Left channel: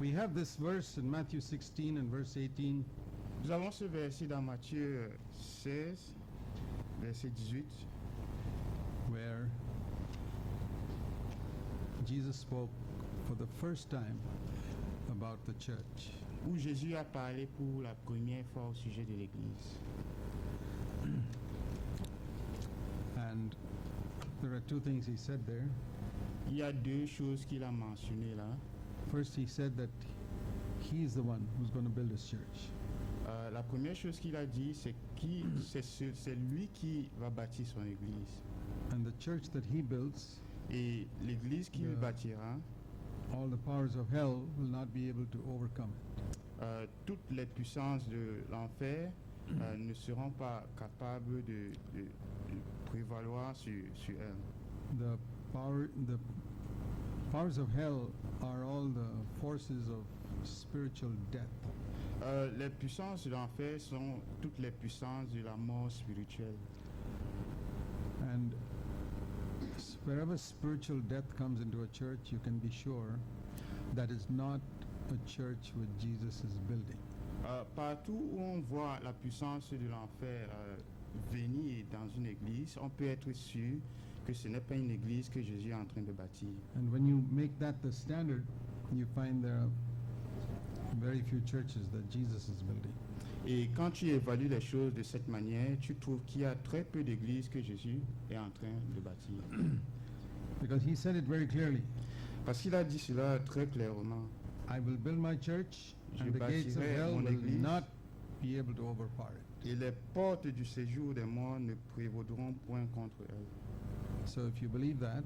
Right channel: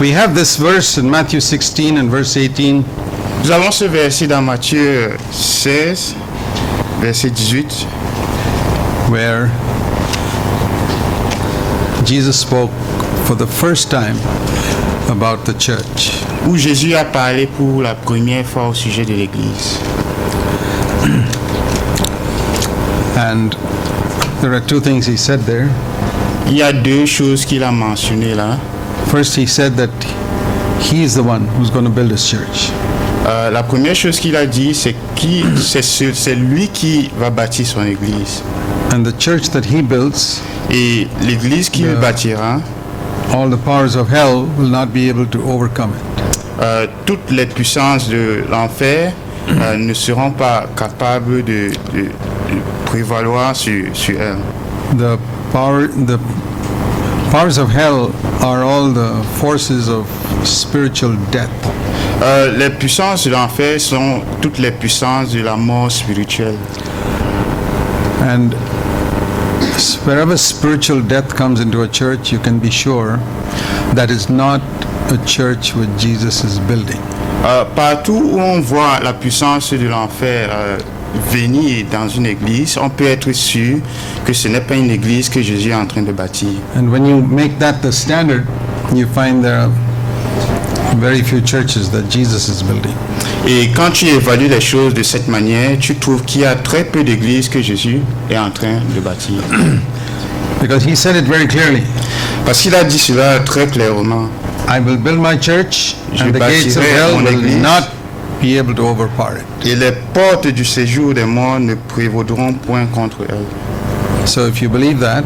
We have this verse in Matthew 16 and verse 18. Nous avons ce verset dans Matthieu 16, verset 18, where Jesus spoke for the first time about the church. où Jésus a parlé pour la première fois au sujet de l'Église. And there are two things he said there. Il y a deux choses qu'il a mentionnées là. First, he said that he is the one who's going to build his church. La première chose qu'il a dit, c'est lui qui va bâtir son Église. And the church that he builds, Et l'Église qu'il bâtira, all the powers of hell will not be able to overcome it. toutes les puissances de l'enfer ne seront pas capables de prévaloir sur elle. The powers of hell are all the forces of spiritual death. Les puissances de l'enfer sont toutes les puissances de la mort spirituelle. And wherever spiritual death comes into a church, you can be sure that is not a church which Jesus is building. Partout où on voit la puissance de l'enfer venir dans une église, on peut être sûr que ce n'est pas une église que Jésus est en train de bâtir. And when you make that the standard, you find there are very few churches that Jesus is building. Et quand tu évalues les choses de cette manière, tu trouves qu'il y a très peu d'églises que Jésus est en train de bâtir. Because he said it very clearly. Parce qu'il a dit cela très clairement. I will build my church, Je and the gates of bâtirai hell mon will église. not be able to overpower it. Et les portes du séjour des morts ne prévaudront point contre elle. So if you believe that,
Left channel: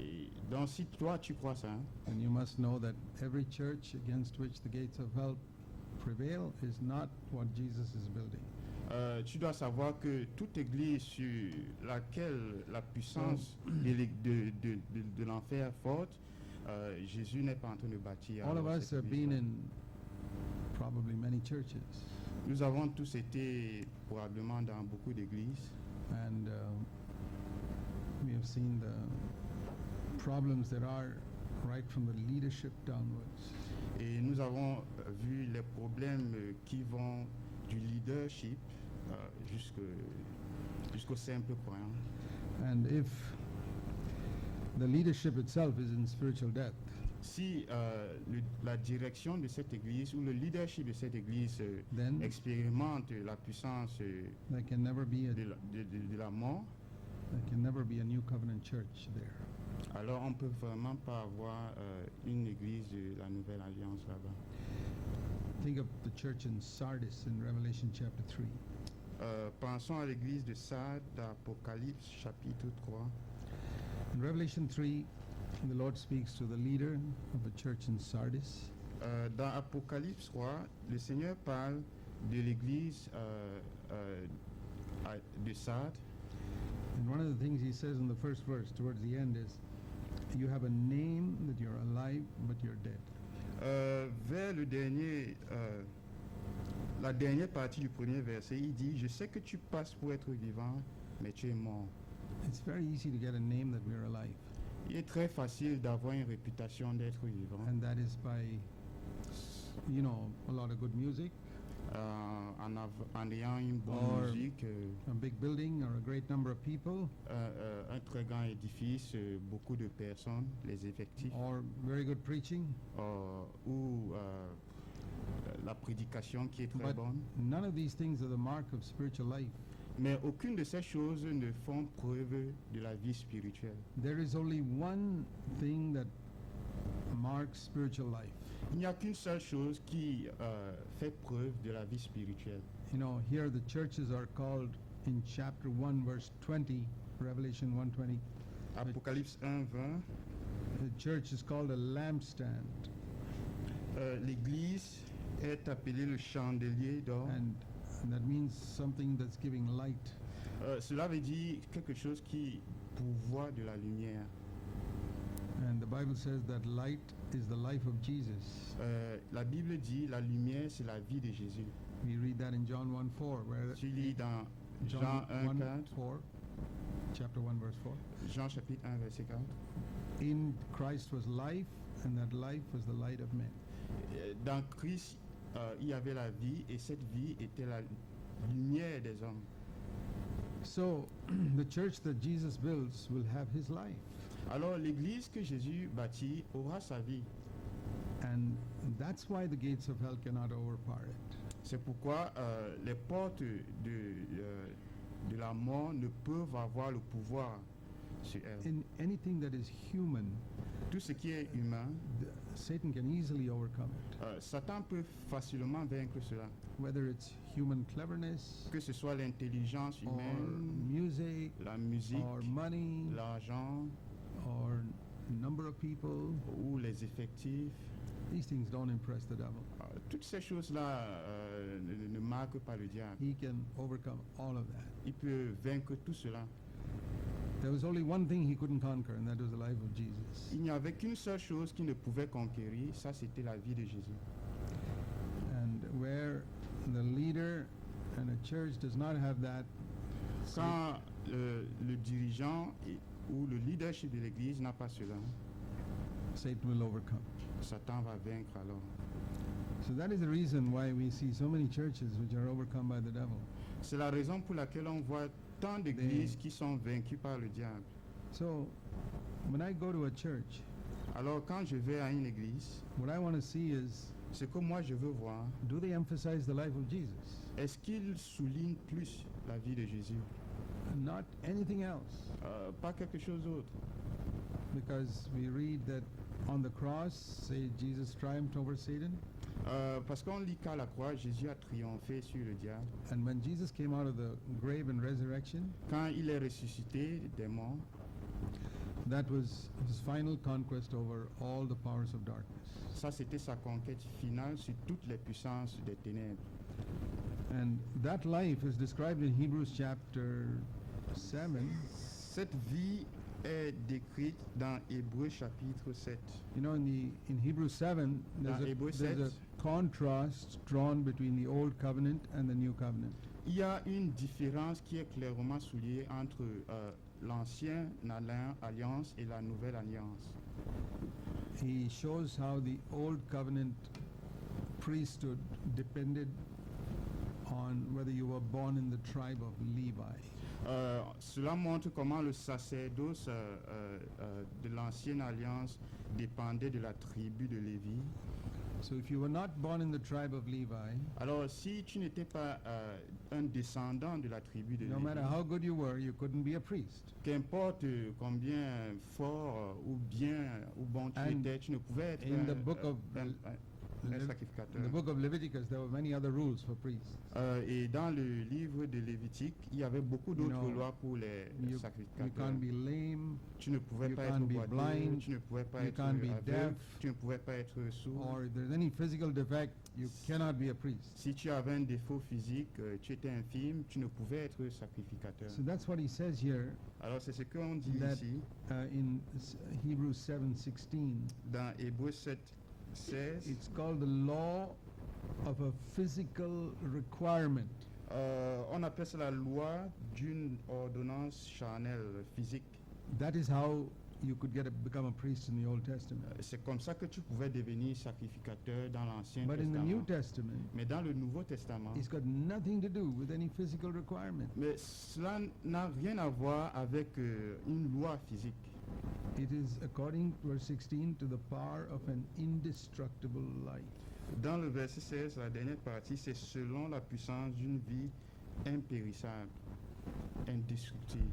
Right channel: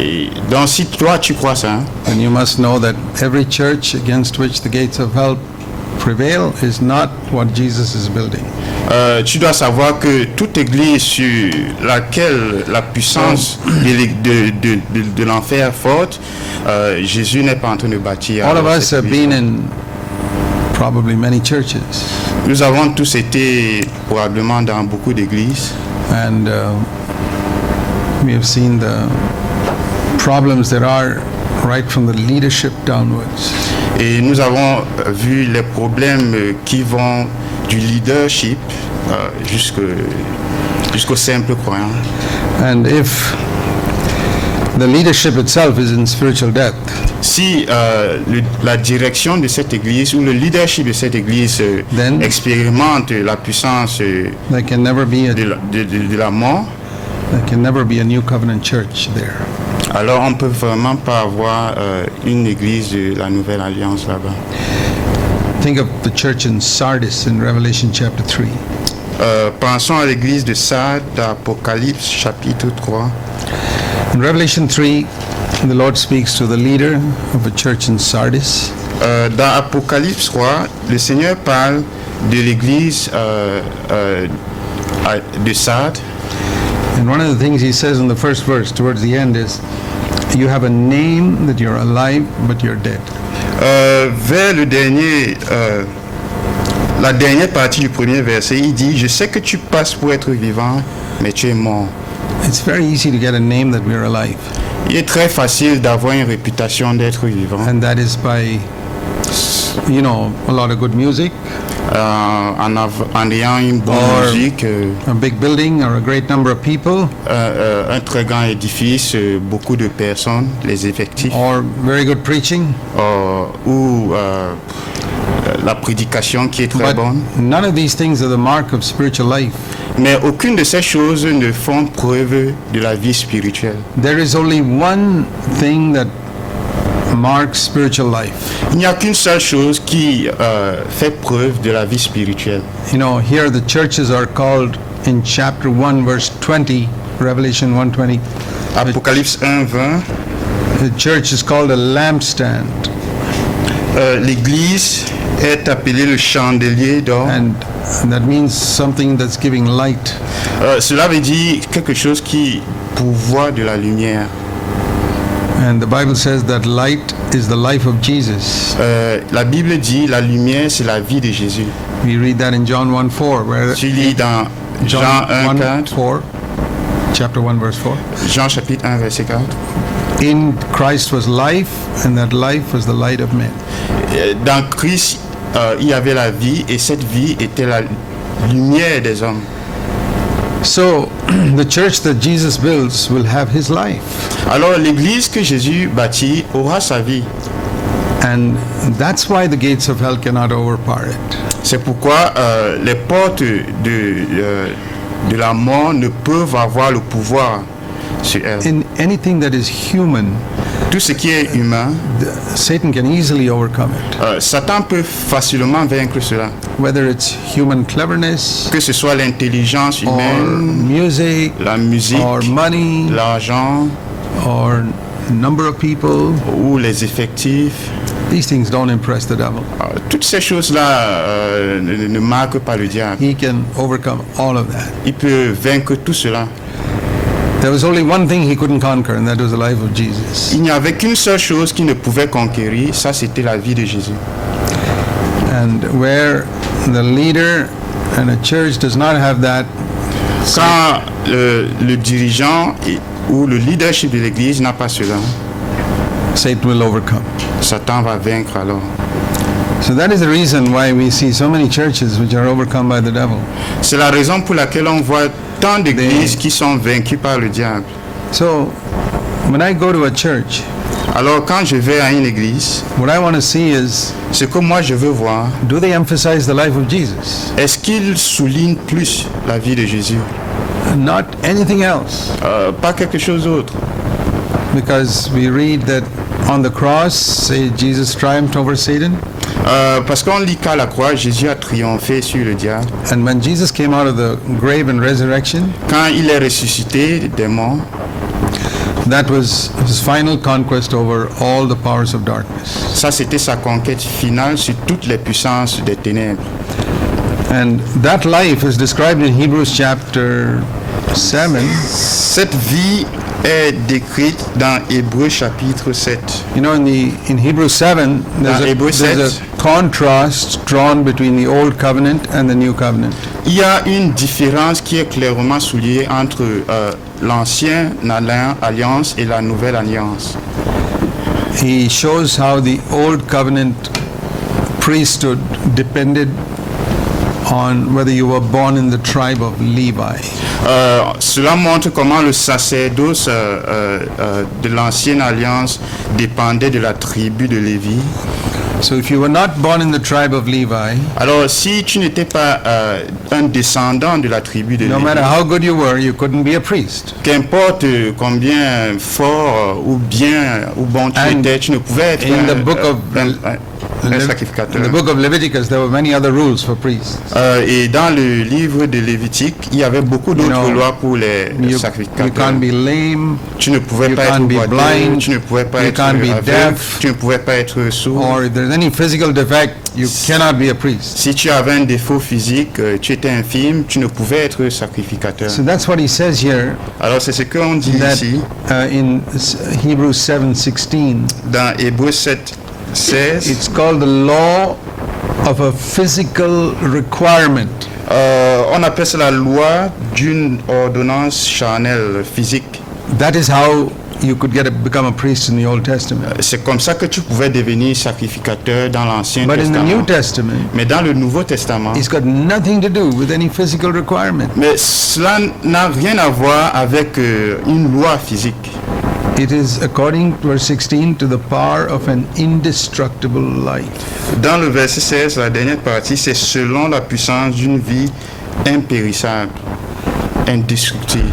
Et donc si toi tu crois ça, then you must know that every church against which the gates of hell prevail is not what Jesus is building. tu dois savoir que toute église sur laquelle la puissance de l'enfer est forte, Jésus n'est pas en train de bâtir. All of us cette have église. been in probably many churches, Nous avons tous été probablement dans beaucoup d'églises and we have seen the problems there are right from the leadership downwards. et nous avons vu les problèmes qui vont du leadership jusqu'au simple croyant. And if the leadership itself is in spiritual death, Si la direction de cette église ou le leadership de cette église Then- expérimente la puissance there can never be de la mort, a new covenant church there. alors on ne peut vraiment pas avoir une église de la nouvelle alliance là-bas. Think of the church in Sardis in Revelation chapter 3. Pensons à l'église de Sardes d'Apocalypse chapitre 3. In Revelation 3, the Lord speaks to the leader of a church in Sardis. Dans Apocalypse 3, le Seigneur parle de l'église de Sardes. And one of the things he says in the first verse towards the end is, you have a name that you're alive, but you're dead. Vers la dernière partie du premier verset, il dit, je sais que tu passes pour être vivant, mais tu es mort. It's very easy to get a name that we're alive, Il est très facile d'avoir une réputation d'être vivant and that is by, a lot of good music, en ayant une bonne Or- musique, a big building, or a great number of people, un très grand édifice, beaucoup de personnes, les effectifs, or very good preaching. ou la prédication qui est très But bonne. none of these things are the mark of spiritual life. Mais aucune de ces choses ne font preuve de la vie spirituelle. There is only one thing that marks spiritual life. Il n'y a qu'une seule chose qui fait preuve de la vie spirituelle. Here the churches are called in chapter 1 verse 20, Revelation 1:20. Apocalypse 1, 20. The church is called a lampstand, L'église est appelée le chandelier d'or. and that means something that's giving light. Cela veut dire quelque chose qui pourvoit de la lumière. And the Bible says that light is the life of Jesus. La Bible dit la lumière c'est la vie de Jésus. We read that in John 1:4, where Tu lis dans Jean 1, 4, chapter 1 verse 4. Jean chapitre 1 verset 4. In Christ was life, and that life was the light of men. Dans Christ, il y avait la vie et cette vie était la lumière des hommes. So the church that Jesus builds will have his life. Alors l'église que Jésus bâtit aura sa vie. And that's why the gates of hell cannot overpower it. C'est pourquoi les portes de la mort ne peuvent avoir le pouvoir sur elle. In anything that is human, Tout ce qui est humain, Satan can easily overcome it. Satan peut facilement vaincre cela. Whether it's human cleverness, Que ce soit l'intelligence or humaine, music, la musique, or money, l'argent or number of people, ou les effectifs. these things don't impress the devil. Toutes ces choses-là ne marquent pas le diable. He can overcome all of that. Il peut vaincre tout cela. There was only one thing he couldn't conquer, and that was the life of Jesus. Il n'y avait qu'une seule chose qu'il ne pouvait conquérir, ça c'était la vie de Jésus. And where the leader and a church does not have that, Quand le dirigeant ou le leadership de l'église n'a pas cela, Satan will overcome. Satan va vaincre alors. So that is the reason why we see so many churches which are overcome by the devil. C'est la raison pour laquelle on voit tant d'églises qui sont vaincues par le diable. So when I go to a church, Alors quand je vais à une église, what I want to see is, ce que moi je veux voir, do they emphasize the life of Jesus? est-ce qu'ils soulignent plus la vie de Jésus? Not anything else. Pas quelque chose d'autre. Because we read that on the cross, say Jesus triumphed over Satan. Parce qu'on lit qu'à la croix, Jésus a triomphé sur le diable. And when Jesus came out of the grave and resurrection, Quand il est ressuscité des morts, that was his final conquest over all the powers of darkness. ça c'était sa conquête finale sur toutes les puissances des ténèbres. And that life is described in Hebrews chapter 7. Cette vie est décrite dans Hébreux chapitre 7. You know, in Hebrews 7, Dans Hébreux there's 7. a contrast drawn between the old covenant and the new covenant. Il y a une différence qui est clairement soulignée entre l'ancienne alliance et la nouvelle alliance. He shows how the old covenant priesthood depended on whether you were born in the tribe of Levi. Cela montre comment le sacerdoce de l'ancienne alliance dépendait de la tribu de Lévi. So if you were not born in the tribe of Levi, Alors, si tu n'étais pas un descendant de la tribu de no Lévi, matter how good you were, you couldn't be a priest. qu'importe combien fort ou bien ou bon tu And étais, tu ne pouvais être in the book of un in sacrificateur. the book of Leviticus, there were many other rules for priests. Et dans le livre de Lévitique, il y avait beaucoup d'autres know, lois pour les You sacrificateurs. can't be lame, Tu ne pouvais you pas être can't be boiteux, blind, tu ne pouvais pas you être can't be aveugle, deaf, tu ne pouvais pas être sourd. or if there's any physical defect, you cannot be a priest. Si tu avais un défaut physique, tu étais infirme, tu ne pouvais être sacrificateur. So that's what he says here, Alors c'est ce qu'on dit that ici in Hebrews 7:16. dans Hébreux 7, 16. It's called the law of a physical requirement. On appelle ça la loi d'une ordonnance charnelle physique. That is how you could become a priest in the Old Testament. C'est comme ça que tu pouvais devenir sacrificateur dans l'Ancien But in the New Testament. Testament, Mais dans le Nouveau Testament, it's got nothing to do with any physical requirement. mais cela n'a rien à voir avec une loi physique. It is, according to verse 16, to the power of an indestructible life. Dans le verset 16, la dernière partie, c'est selon la puissance d'une vie impérissable, indestructible.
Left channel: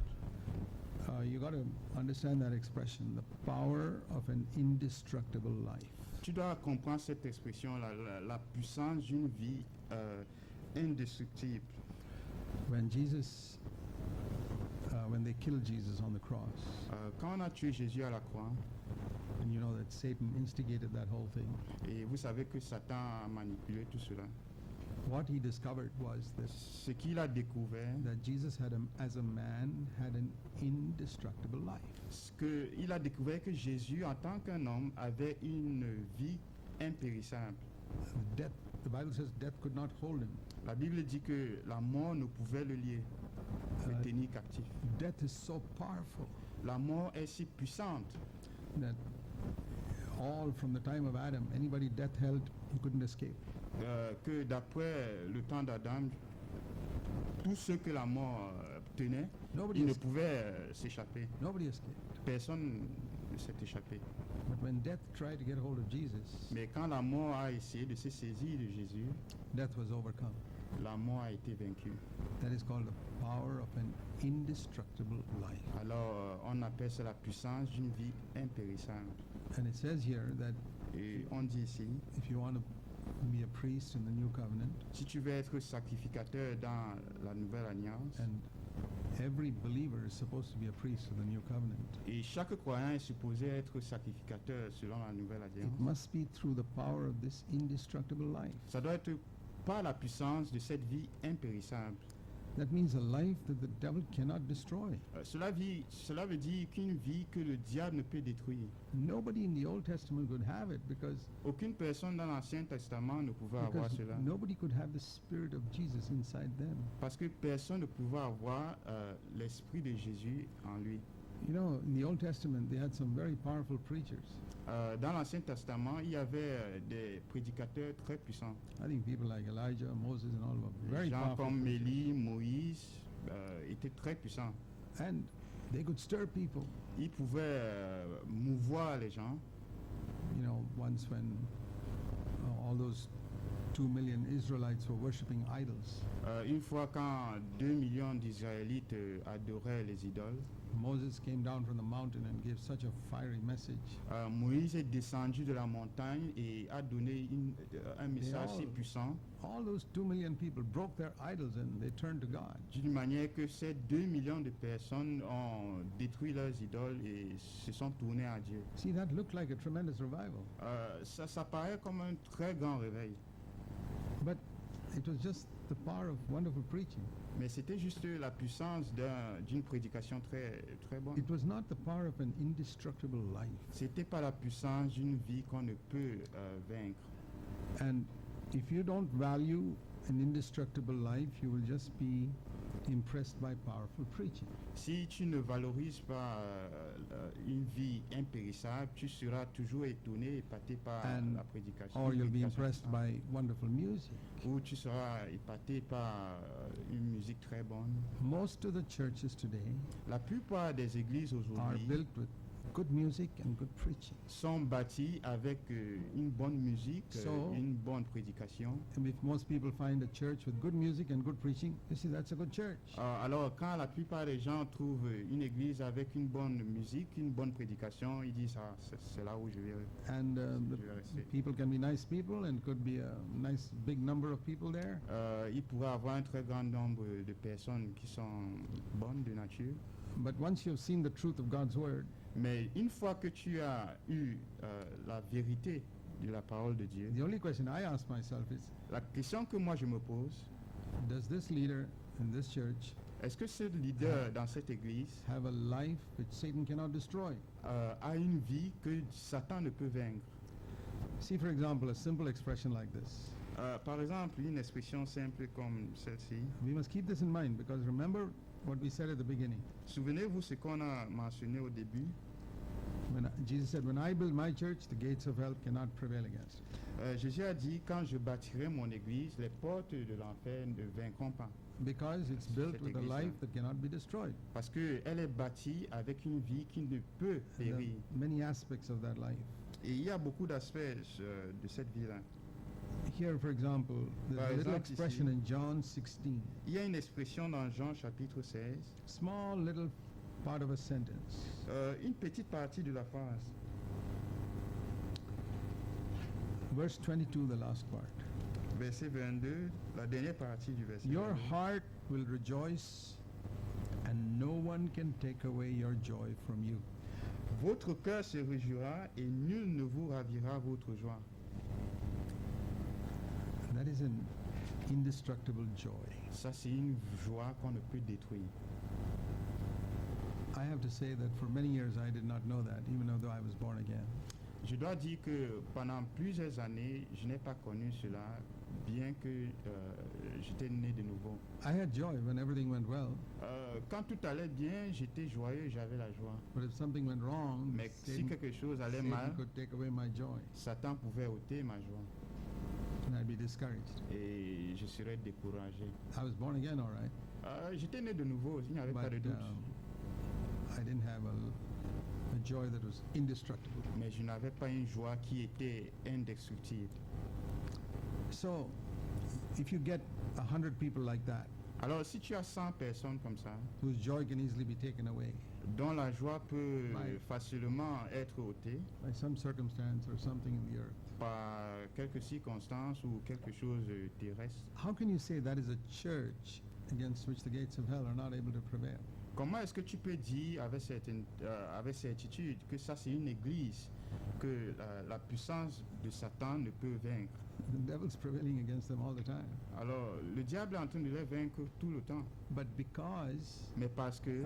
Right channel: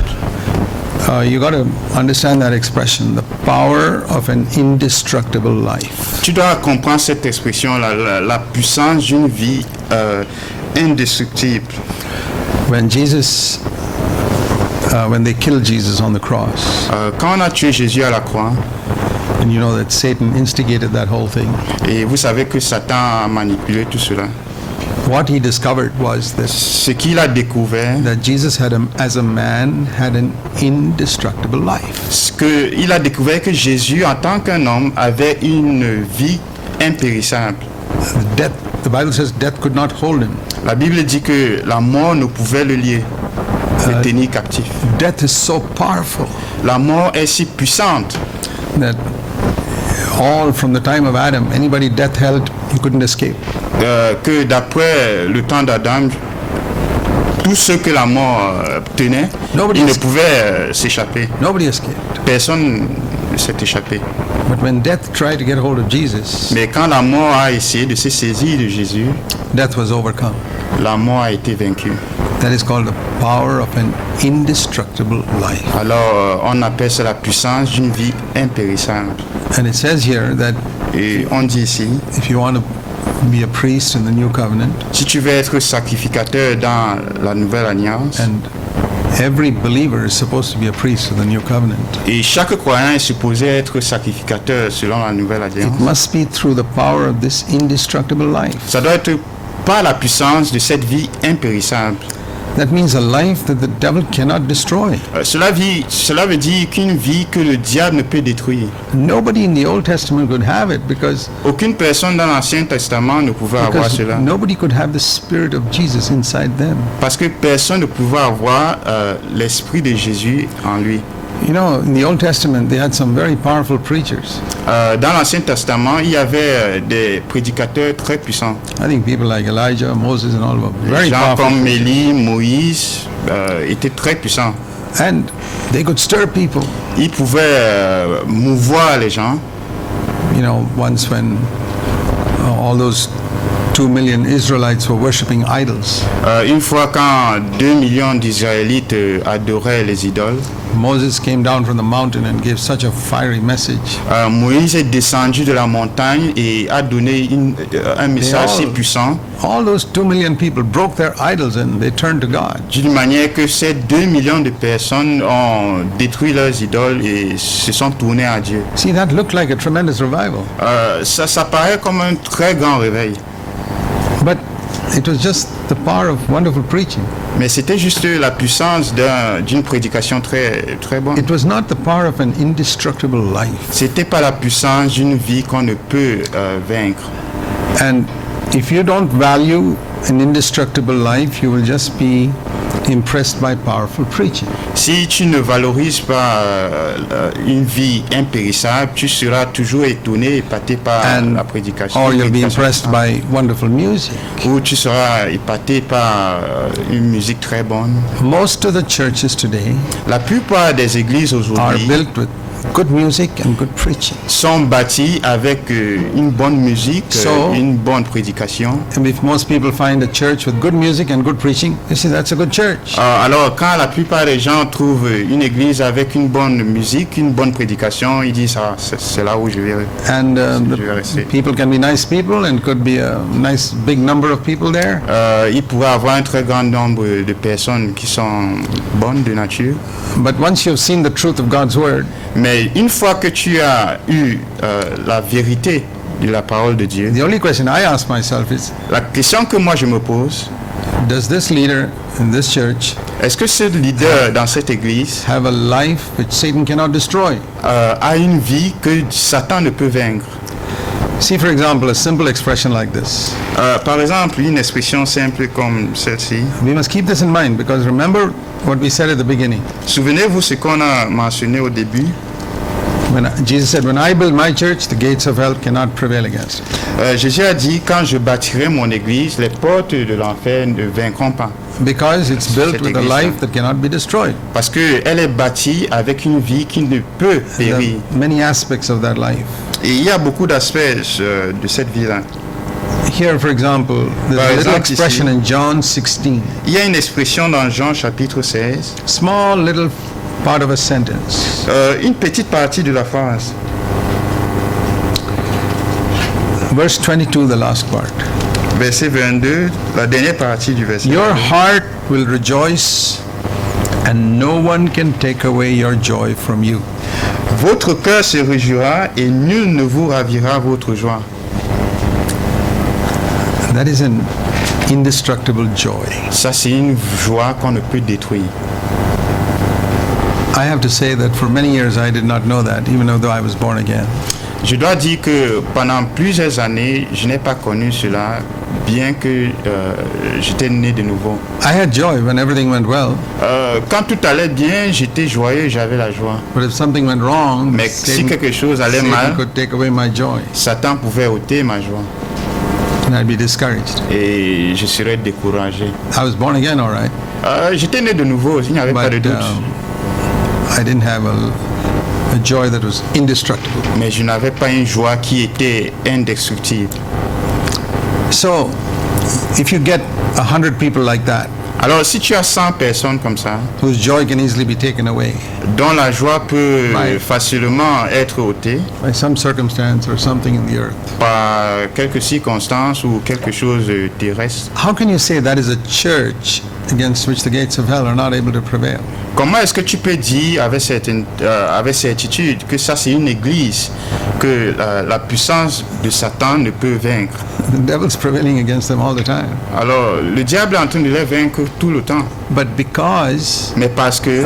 You got to understand that expression, the power of an indestructible life. Tu dois comprendre cette expression, la puissance d'une vie indestructible. When they killed Jesus on the cross, Quand on a tué Jésus à la croix, and you know that Satan instigated that whole thing, et vous savez que Satan a manipulé tout cela, what he discovered was ce qu'il a découvert, that Jesus as a man had an indestructible life. il a découvert que Jésus, en tant qu'un homme, avait une vie impérissable. The Bible says death could not hold him. La Bible dit que la mort ne pouvait le lier, le tenir captif. Death is so powerful La mort est si puissante that all from the time of Adam, anybody death held, you couldn't escape. Que d'après le temps d'Adam, tous ceux que la mort tenait, Nobody ils ne escaped. pouvaient s'échapper. Nobody escaped. Personne ne s'est échappé. But when death tried to get hold of Jesus, Mais quand la mort a essayé de se saisir de Jésus, death was overcome. la mort a été vaincue. That is called the power of an indestructible life. Alors on appelle ça la puissance d'une vie impérissable. And it says here that Et on dit ici, if you want to be a priest in the new covenant, si tu veux être sacrificateur dans la nouvelle alliance, and every believer is supposed to be a priest of the new covenant, et chaque croyant est supposé être sacrificateur selon la nouvelle it alliance, must be through the power of this indestructible life. ça doit être par la puissance de cette vie impérissable. That means a life that the devil cannot destroy. Cela veut dire qu'une vie que le diable ne peut détruire. Nobody in the Old Testament could have it because Aucune personne dans l'Ancien Testament ne pouvait avoir cela. nobody could have the Spirit of Jesus inside them. Parce que personne ne pouvait avoir l'Esprit de Jésus en lui. You know, in the Old Testament, they had some very powerful preachers. Dans l'Ancien Testament, il y avait des prédicateurs très puissants. I think people like Elijah, Moses, and all were very Des gens powerful. comme Élie, Moïse étaient très puissants. And they could stir people. Ils pouvaient mouvoir les gens. You know, once when all those 2 million Israelites were worshiping idols, Une fois quand 2 millions d'Israélites adoraient les idoles, Moses came down from the mountain and gave such a fiery message. Moïse est descendu de la montagne et a donné un message si puissant, All those 2 million people broke their idols and they turned to God. d'une manière que ces 2 millions de personnes ont détruit leurs idoles et se sont tournés à Dieu. See, that looked like a tremendous revival. Ça paraît comme un très grand réveil, But it was just the power of wonderful preaching. mais c'était juste la puissance d'une prédication très, très bonne. It was not the power of an indestructible life. C'était pas la puissance d'une vie qu'on ne peut vaincre. And if you don't value an indestructible life, you will just be impressed by powerful preaching. Si tu ne valorises pas une vie impérissable, tu seras toujours étonné, épaté par la prédication. Or you'll be prédication impressed by wonderful music. Ou tu seras épaté par une musique très bonne. Most of the churches today La plupart des églises are aujourd'hui built with good music and good preaching. sont bâties avec une bonne musique, So- une bonne prédication. And if most people find a church with good music and good preaching, they say that's a good church. Alors, quand la plupart des gens trouvent une église avec une bonne musique, une bonne prédication, ils disent ah, c'est là où je vais. And je vais the rester. people can be nice people and could be a nice big number of people there. Il pourrait avoir un très grand nombre de personnes qui sont bonnes de nature. But once you've seen the truth of God's word, Mais une fois que tu as eu la vérité de la parole de Dieu, the only question I ask myself is, la question que moi je me pose, does this leader in this church est-ce que ce leader dans cette église have a life which Satan cannot destroy? a une vie que Satan ne peut vaincre? See, for example, a simple expression like this. Par exemple, une expression simple comme celle-ci. We must keep this in mind because remember what we said at the beginning. Souvenez-vous ce qu'on a mentionné au début. Jesus said, when I build my church, the gates of hell cannot prevail against it. Jésus a dit, quand je bâtirai mon église, les portes de l'enfer ne vaincront pas. Because it's built Cette with a église-là. life that cannot be destroyed. Parce qu'elle est bâtie avec une vie qui ne peut There périr. are many aspects of that life. Et il y a beaucoup d'aspects de cette vie-là. Here, for example, there's Par a little exemple, expression ici. in John 16. Il y a une expression dans Jean chapitre 16, Small little part of a sentence. une petite partie de la phrase. Verse 22, the last part. Verset 22, la dernière partie du verset. Your 22. heart will rejoice, and no one can take away your joy from you. Votre cœur se réjouira et nul ne vous ravira votre joie. That is an indestructible joy. Ça, c'est une joie qu'on ne peut détruire. I have to say that for many years I did not know that, even though I was born again. Je dois dire que pendant plusieurs années, je n'ai pas connu cela, bien que j'étais né de nouveau. I had joy when everything went well, Quand tout allait bien, j'étais joyeux, j'avais la joie. but if something went wrong, Mais si Satan, quelque chose allait Satan mal, could take away my joy, Satan pouvait ôter ma joie and I'd be discouraged. et je serais découragé. I was born again, all right, J'étais né de nouveau, il n'y avait pas de but doute. I didn't have a joy that was indestructible. Mais je n'avais pas une joie qui était indestructible. So, if you get 100 people like that, Alors, si tu as 100 personnes comme ça, whose joy can easily be taken away dont la joie peut Ouais. facilement être ôtée by some circumstance or something in the earth, par quelques circonstances ou quelque chose de terrestre, how can you say that is a church against which the gates of hell are not able to prevail? comment est-ce que tu peux dire avec certitude que ça c'est une église que la puissance de Satan ne peut vaincre? The devil's prevailing against them all the time. Alors, le diable est en train de les vaincre tout le temps. But because Mais parce que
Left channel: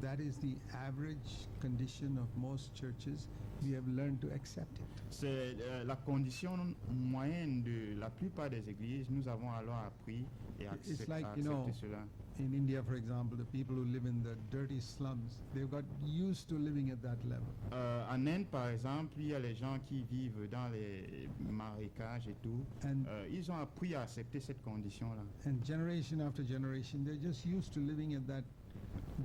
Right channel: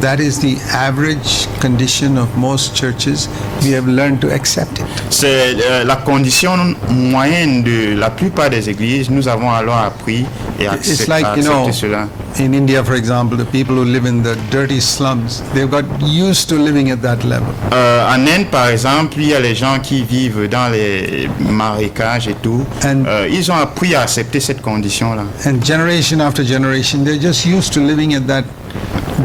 that is the average condition of most churches, we have learned to accept it. c'est la condition moyenne de la plupart des églises, nous avons alors appris et It's like, you accepté know, cela. in India, for example, the people who live in the dirty slums, they've got used to living at that level. En Inde, par exemple, il y a les gens qui vivent dans les marécages et tout. And- Ils ont appris à accepter cette condition-là. And generation after generation, they're just used to living at that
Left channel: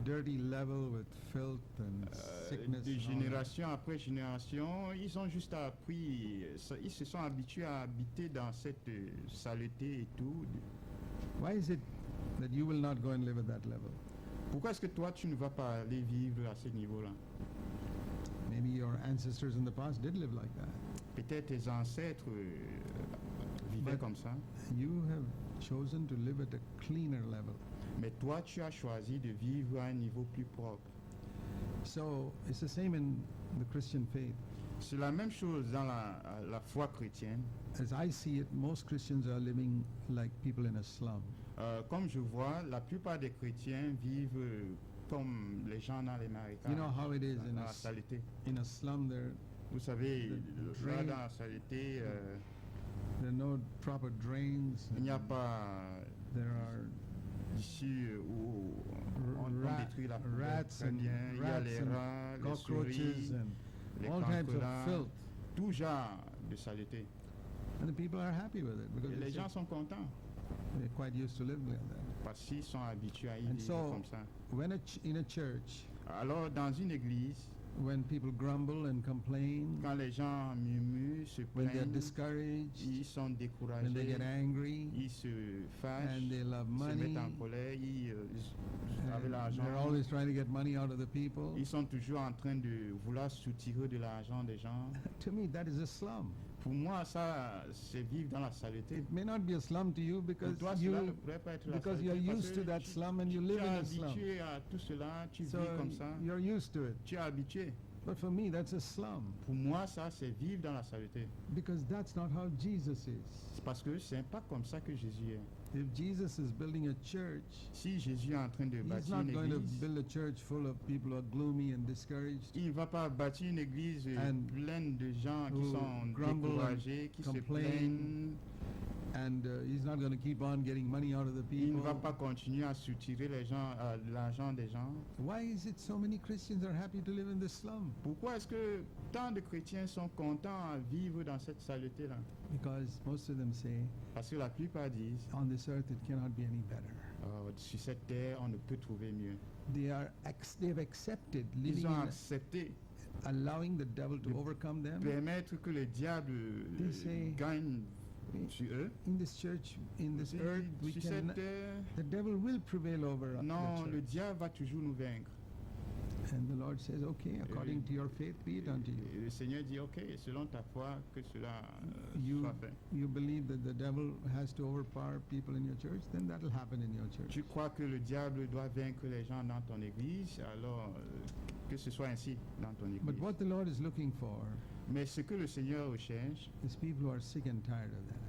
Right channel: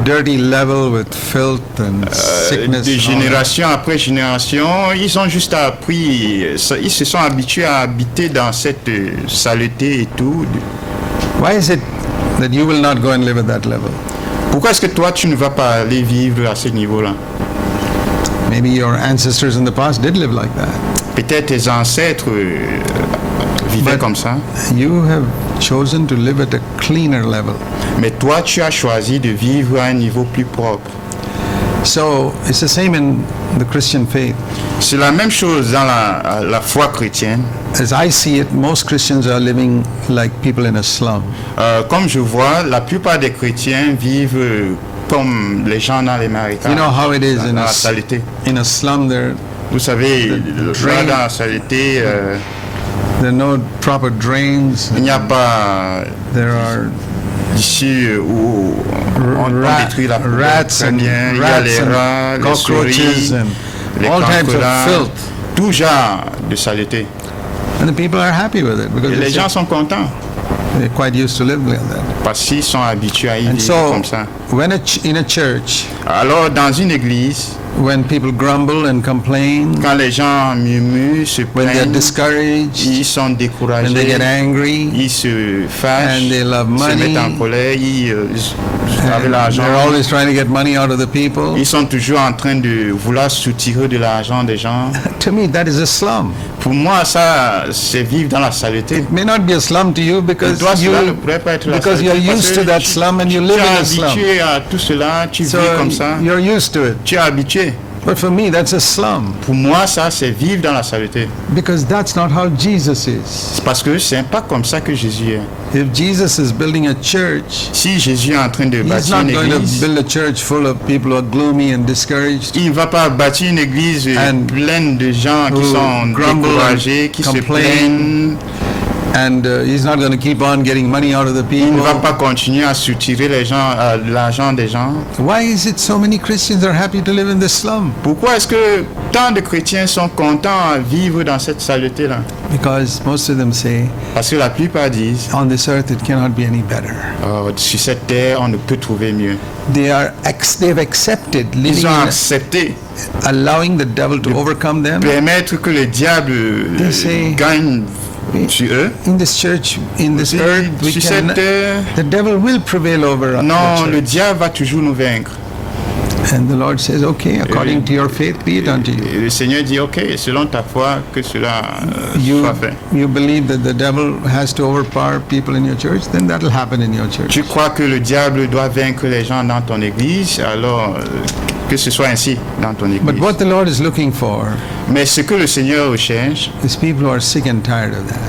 dirty level with filth and sickness. De and all that. génération après génération, ils ont juste appris, ils se sont habitués à habiter dans cette saleté et tout. Why is it that you will not go and live at that level? Pourquoi est-ce que toi, tu ne vas pas aller vivre à ce niveau-là? Maybe your ancestors in the past did live like that. Peut-être tes ancêtres vivaient But- comme ça. You have chosen to live at a cleaner level. Mais toi, tu as choisi de vivre à un niveau plus propre. So it's the same in the Christian faith. C'est la même chose dans la foi chrétienne. As I see it, most Christians are living like people in a slum. Comme je vois, la plupart des chrétiens vivent comme les gens dans les marécages, You know how it is dans in la saleté. in a slum. There Vous savez, drain- là, dans la saleté, are no proper drains. il n'y a pas There are d'ici où on rat- détruit la poubelle rats très and bien. Il y a rats les and rats, les cockroaches souris, and les all types of cancrelats, filth. tout genre de saleté. And the people are happy with it because Et les it's gens just- sont contents they're quite used to live like that. parce qu'ils sont habitués à y And vivre so, comme ça. when in a church, Alors, dans une église, when people grumble and complain, quand les gens murmurent, se when they're plaignent, discouraged, ils sont when they get découragés, angry, ils se fâchent, and they love se money, mettent en colère, ils avec and l'argent. they're always trying to get money out of the people. Ils sont toujours en train de vouloir soutirer de l'argent des gens. To me, that is a slum. Pour moi, ça, c'est vivre dans la saleté. It may not be a slum to you because Toi, cela ne you pourrait pas être la because saleté. you're parce used que to that tu- slum and you tu live es in a slum. habitué à tout cela, tu So vis comme ça. you're used to it. Tu es habitué. But for me, that's a slum Pour moi, ça, c'est vivre dans la saleté. because that's not how Jesus is. C'est parce que c'est pas comme ça que Jésus est. If Jesus is building a church, Si Jésus est en train de he's bâtir not une going to église, build a church full of people who are gloomy and discouraged. il ne va pas bâtir une église And pleine de gens qui who sont grumble découragés, and qui se complain. plaignent. And he's not going to keep on getting money out of the Il ne va people. pas continuer à soutirer les gens, l'argent des gens. Why is it so many Christians are happy to live in the slum? Pourquoi est-ce que tant de chrétiens sont contents à vivre dans cette saleté-là? Because most of them say, Parce que la plupart disent, on this earth it cannot be any better. Sur cette terre, on ne peut trouver mieux. They've accepted Ils living ont in, accepté allowing the devil to overcome them. permettre que le diable They say- gagne sur eux. In this church, in this earth, we Sur can, cette terre, the devil will prevail over us. non, le diable va toujours nous vaincre. And the Lord says, okay, according to your faith, be it unto you. Et le Seigneur dit, ok, selon ta foi, que cela You, soit fait. you believe that the devil has to overpower people in your church, then that will happen in your church. Tu crois que le diable doit vaincre les gens dans ton église, alors que ce soit ainsi dans ton But église. what the Lord is looking for Mais ce que le Seigneur recherche, is people who are sick and tired of that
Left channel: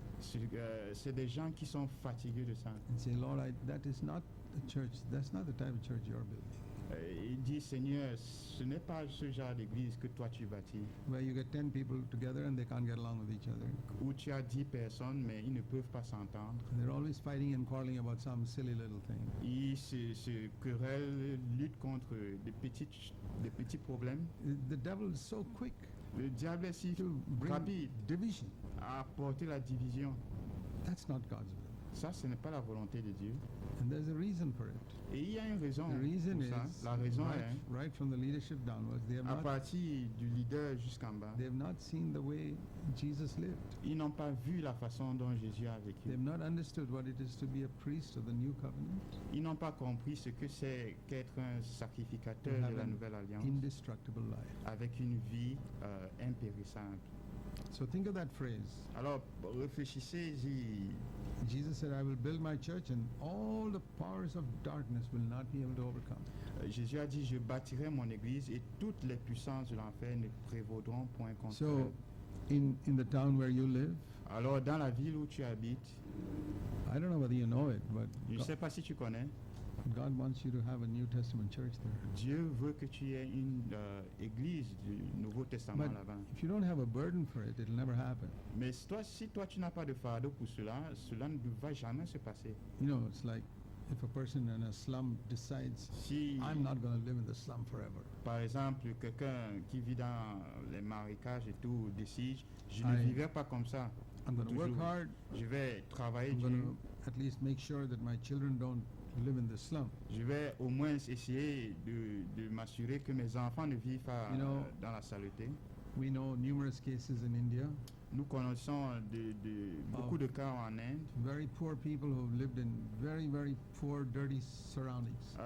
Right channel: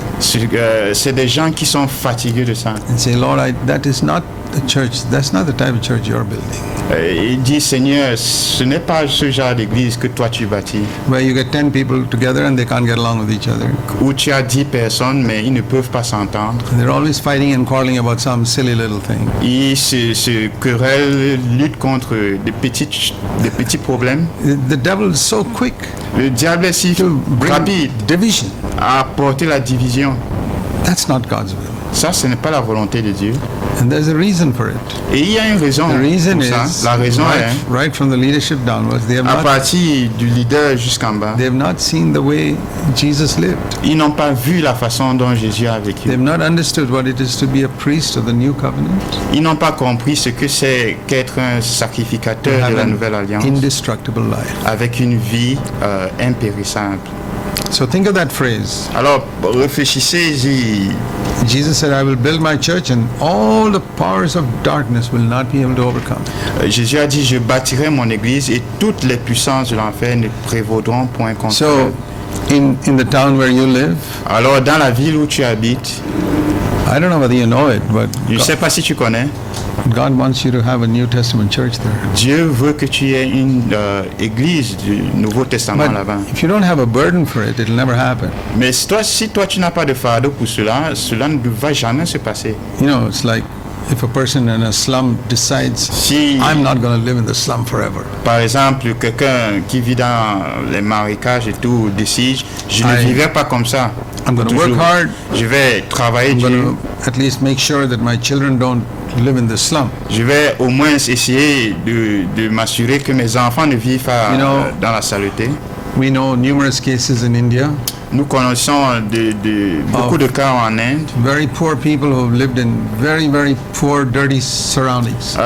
c'est des gens qui sont fatigués de ça. and say, Lord, that is not the church, that's not the type of church you're building. Il dit, Seigneur, ce n'est pas ce genre d'église que toi tu bâtis, Where you get 10 people together and they can't get along with each other. où tu as 10 personnes, mais ils ne peuvent pas s'entendre. They're always fighting and quarreling about some silly little thing. Ils se querellent, luttent contre des petits problèmes. The devil is so quick Le diable est si to bring rapide division. à apporter la division. That's not God's will. Ça, ce n'est pas la volonté de Dieu. And there's a reason for it. Et il y a une raison The reason pour is ça. La raison est, right from the leadership downwards, à partir du leader jusqu'en bas, they have not seen the way Jesus lived. ils n'ont pas vu la façon dont Jésus a vécu. They have not understood what it is to be a priest of the new covenant. Ils n'ont pas compris ce que c'est qu'être un sacrificateur de la nouvelle alliance Indestructible life. avec une vie impérissable. So think of that phrase. Alors, réfléchissez-y. Jesus said, I will build my church and all the powers of darkness will not be able to overcome. Jésus a dit, je bâtirai mon église et toutes les puissances de l'enfer ne prévaudront point contre So, elle. in the town where you live, Alors, dans la ville où tu habites, I don't know whether you know it, but je ne sais pas si tu connais, God wants you to have a New Testament church there. Dieu veut que tu aies une église du Nouveau Testament But là-bas. if you don't have a burden for it, it'll never happen. Mais si toi tu n'as pas de fardeau pour cela, cela ne va jamais se passer. You know, it's like if a person in a slum decides, Si, I'm not going to live in the slum forever. par exemple, quelqu'un qui vit dans les marécages et tout décide, je ne I- vivrai pas comme ça. I'm going to work Toujours. hard. Je vais travailler I'm dur. going to at least make sure that my children don't live in the slum. Je vais au moins essayer de m'assurer que mes enfants ne vivent pas You know- dans la saleté. We know numerous cases in India, Nous connaissons beaucoup de cas en Inde. very poor people who have lived in very, very poor, dirty surroundings.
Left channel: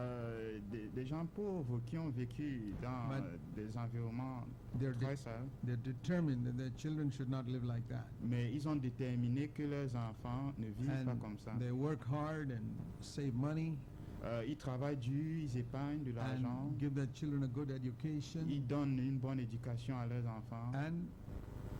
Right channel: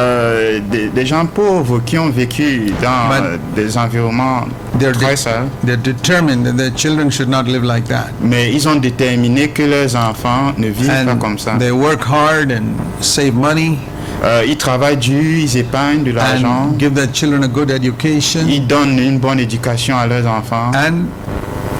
Des gens pauvres qui ont vécu dans But des environnements They're, très sales, they're determined that their children should not live like that. mais ils ont déterminé que leurs enfants ne vivent pas comme ça. And they work hard and save money Ils travaillent dur, ils épargnent de l'argent, and give their children a good education, ils donnent une bonne éducation à leurs enfants. and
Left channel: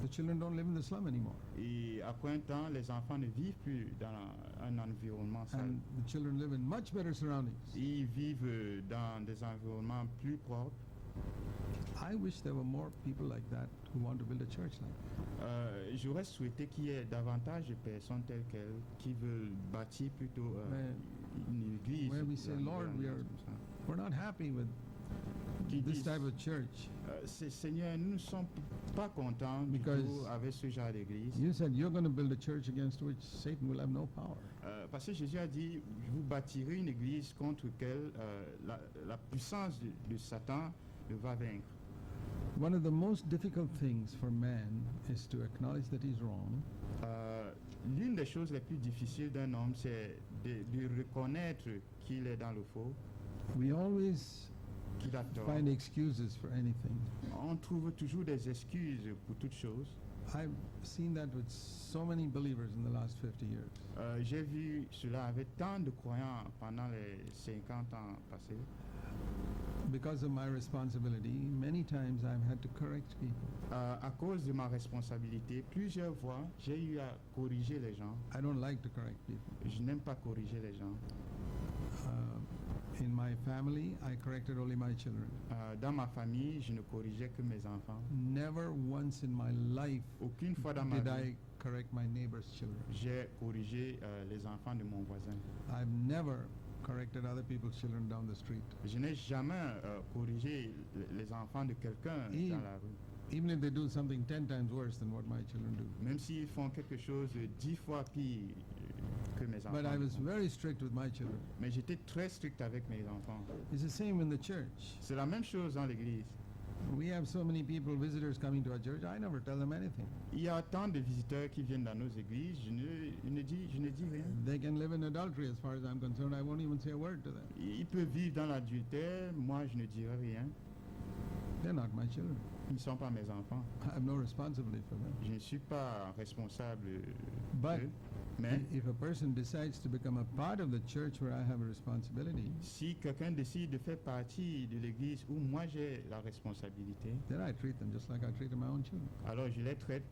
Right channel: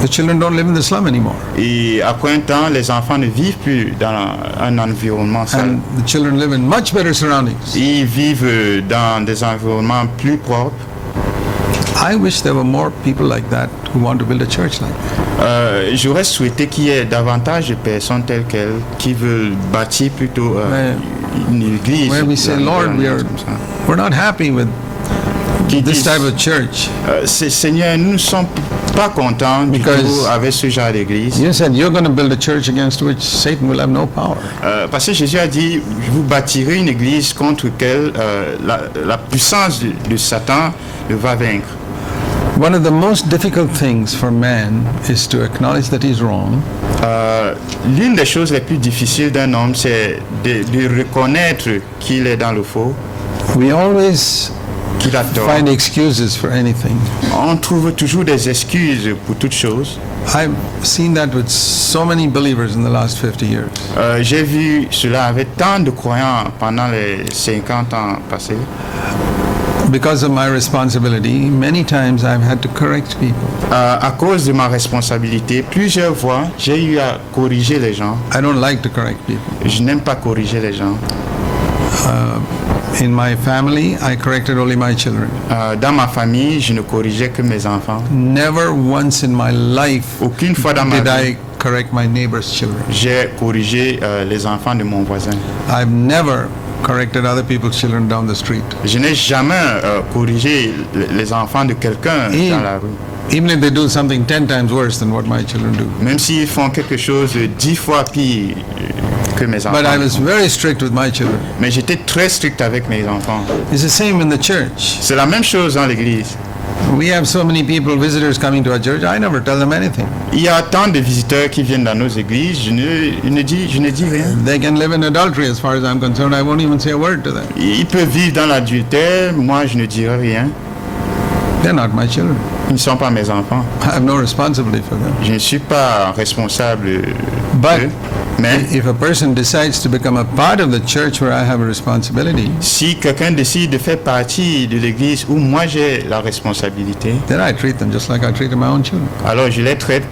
the children don't live in the slum anymore. Et après un temps, les enfants ne vivent plus dans un environnement sale. And the children live in much better surroundings. Ils vivent dans des environnements plus propres. I wish there were more people like that who want to build a church like that. J'aurais souhaité qu'il y ait davantage de personnes telles qu'elles qui veulent bâtir plutôt une église. Where we say, Lord, comme ça. we're not happy with Qui this disent, type of church. Seigneur, nous ne sommes pas contents du Because tout avec ce genre d'église. You said you're going to build a church against which Satan will have no power. Parce que Jésus a dit, vous bâtirez une église contre laquelle la puissance de Satan ne va vaincre. One of the most difficult things for man is to acknowledge that he's wrong L'une des choses les plus difficiles d'un homme, c'est de reconnaître qu'il est dans le faux, We always qu'il a tort. find excuses for anything. On trouve toujours des excuses pour toutes choses. I've seen that with so many believers in the last 50 years. J'ai vu cela avec tant de croyants pendant les 50 ans passés. Because of my responsibility, many times I've had to correct people. À cause de ma responsabilité, plusieurs fois, j'ai eu à corriger les gens. I don't like to correct people. Je n'aime pas corriger les gens. In my family, I corrected only my children. Dans ma famille, je ne corrigeais que mes enfants. Never once in my life Aucune fois dans ma did vie, I correct my neighbor's children. j'ai corrigé les enfants de mon voisin. I've never corrected other people's children down the street. Je n'ai jamais corrigé les enfants de quelqu'un Et- dans la rue. Even if they do something 10 times worse than what my children do. Même s'ils font quelque chose de 10 fois pire que mes enfants. But I was very strict with my children. Mais j'étais très strict avec mes enfants. It's the same in the church. C'est la même chose dans l'église. We have so many people, visitors coming to our church, I never tell them anything. Il y a tant de visiteurs qui viennent dans nos églises, je ne dis rien. They can live in adultery as far as I'm concerned. I won't even say a word to them. Ils peuvent vivre dans l'adultère, moi je ne dirai rien. They're not my children. Ils ne sont pas mes enfants. I have no responsibility for them. Je ne suis pas responsable But d'eux. Mais if a person decides to become a part of the church where I have a responsibility, si quelqu'un décide de faire partie de l'église où moi j'ai la responsabilité, then I treat them just like I treated my own children. alors je les traite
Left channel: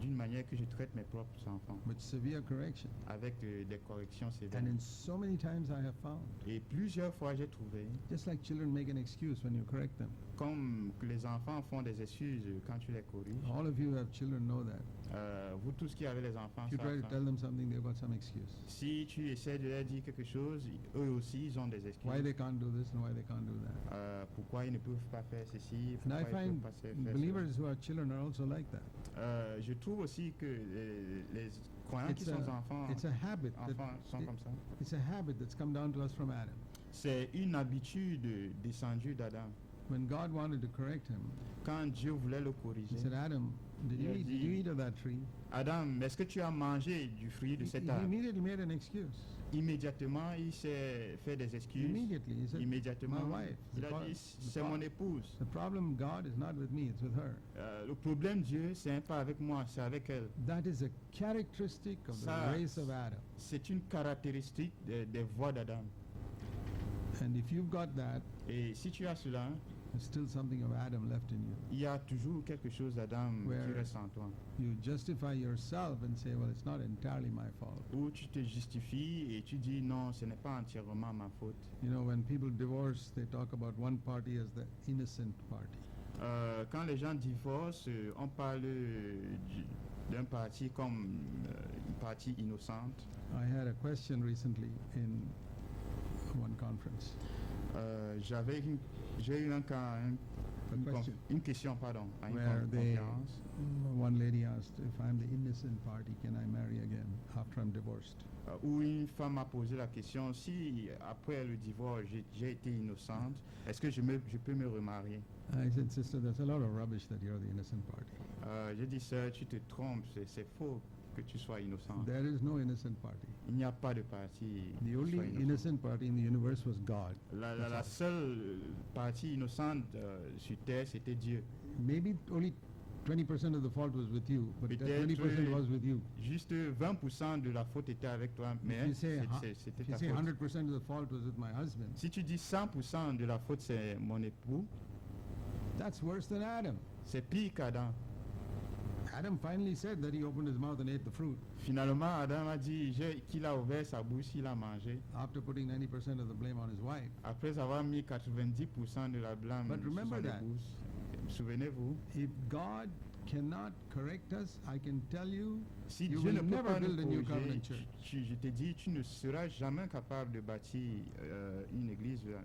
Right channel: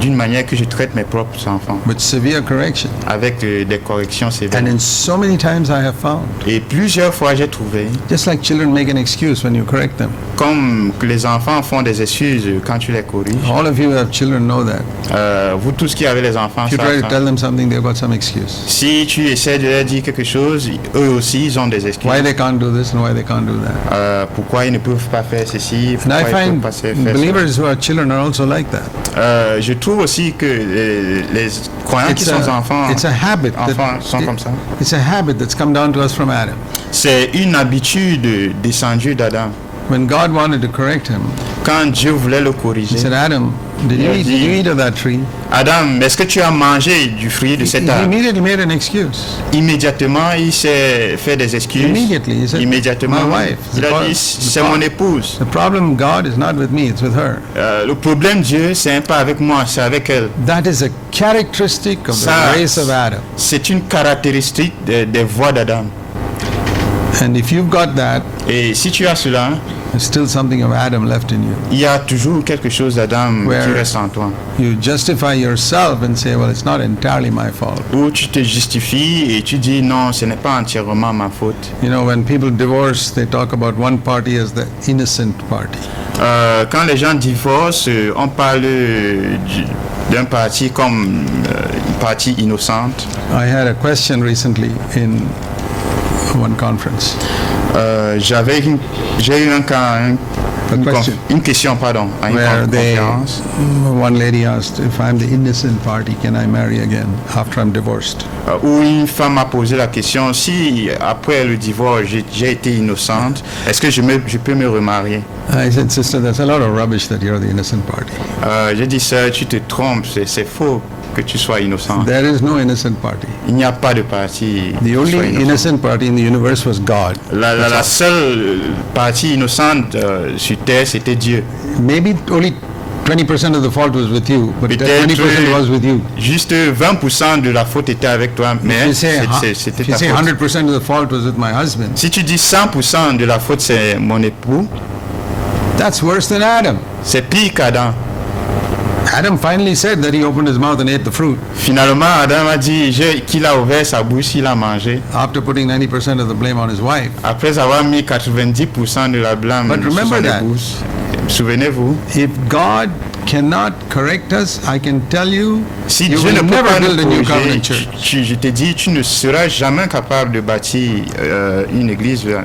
d'une manière que je traite mes propres enfants, with severe correction. avec des corrections sévères. And in so many times I have found, Et plusieurs fois, j'ai trouvé, just like children make an excuse when you correct them. comme que les enfants font des excuses quand tu les corriges. All of you who have children know that. Vous tous qui avez les enfants, If you try savent to ça. tell them something, they've got some excuse. Si tu essaies de leur dire quelque chose, eux aussi, ils ont des excuses. Why they can't do this and why they can't do that. Pourquoi ils ne peuvent pas faire ceci, And I pourquoi ils ne peuvent find pas faire cela. believers who are children are also like that. Je trouve aussi que les croyants qui sont enfants, it's a habit. enfants sont comme ça. It's a habit that's come down to us from Adam. C'est une habitude descendue d'Adam. When God wanted to correct him, Quand Dieu voulait le he corriger, said, Adam, did you eat of that tree? Adam, est-ce que tu as mangé du fruit de He cet arbre? immediately made an excuse. Immédiatement, il s'est fait des excuses. Immediately, he said, Immédiatement, my wife. il a dit, c'est mon épouse. The problem, God, is not with me, it's with her. Le problème, Dieu, c'est pas avec moi, c'est avec elle. That is a characteristic of the Ça, race of Adam. c'est une caractéristique des voies d'Adam. And if you've got that, Et si tu as cela, there's still something of Adam left in you. il y a toujours quelque chose d'Adam Where- qui reste en toi. You justify yourself and say, well, it's not entirely my fault. Où tu te justifies et tu dis non, ce n'est pas entièrement ma faute. You know, when people divorce, they talk about one party as the innocent party. Quand les gens divorcent, on parle d'un parti comme une partie innocente. I had a question recently in one conference. J'ai eu question. une question, pardon, à une Where conférence. one lady asked, if I'm the innocent party, can I marry again after I'm divorced? Où une femme m'a posé la question, si après le divorce j'ai été innocente, est-ce que je peux me remarier? I said, sister, that's a lot of rubbish that you're the innocent party. J'ai dit ça, tu te trompes, c'est faux que tu sois innocent. There is no innocent party. Il n'y a pas de parti. The qui soit only innocent. innocent party in the universe was God. La seule partie innocente sur terre, c'était Dieu. Maybe only 20% of the fault was with you, but Peut-être 20% was with you. juste 20% de la faute était avec toi, If mais you say, c'était if you ta say faute. 100% of the fault was with my husband, Si tu dis 100% de la faute c'est mon époux, that's worse than Adam. c'est pire qu'Adam. Adam finally said that he opened his mouth and ate the fruit Finalement, Adam a dit qu'il a ouvert sa bouche, il a mangé. after putting 90% of the blame on his wife. Après avoir mis 90% de la blâme But sur remember son that. épouse. Souvenez-vous, If God cannot correct us, I can tell you, si you Dieu ne will peut never pas nous build a new corriger, covenant church. je te dis, tu ne seras jamais capable de bâtir une église de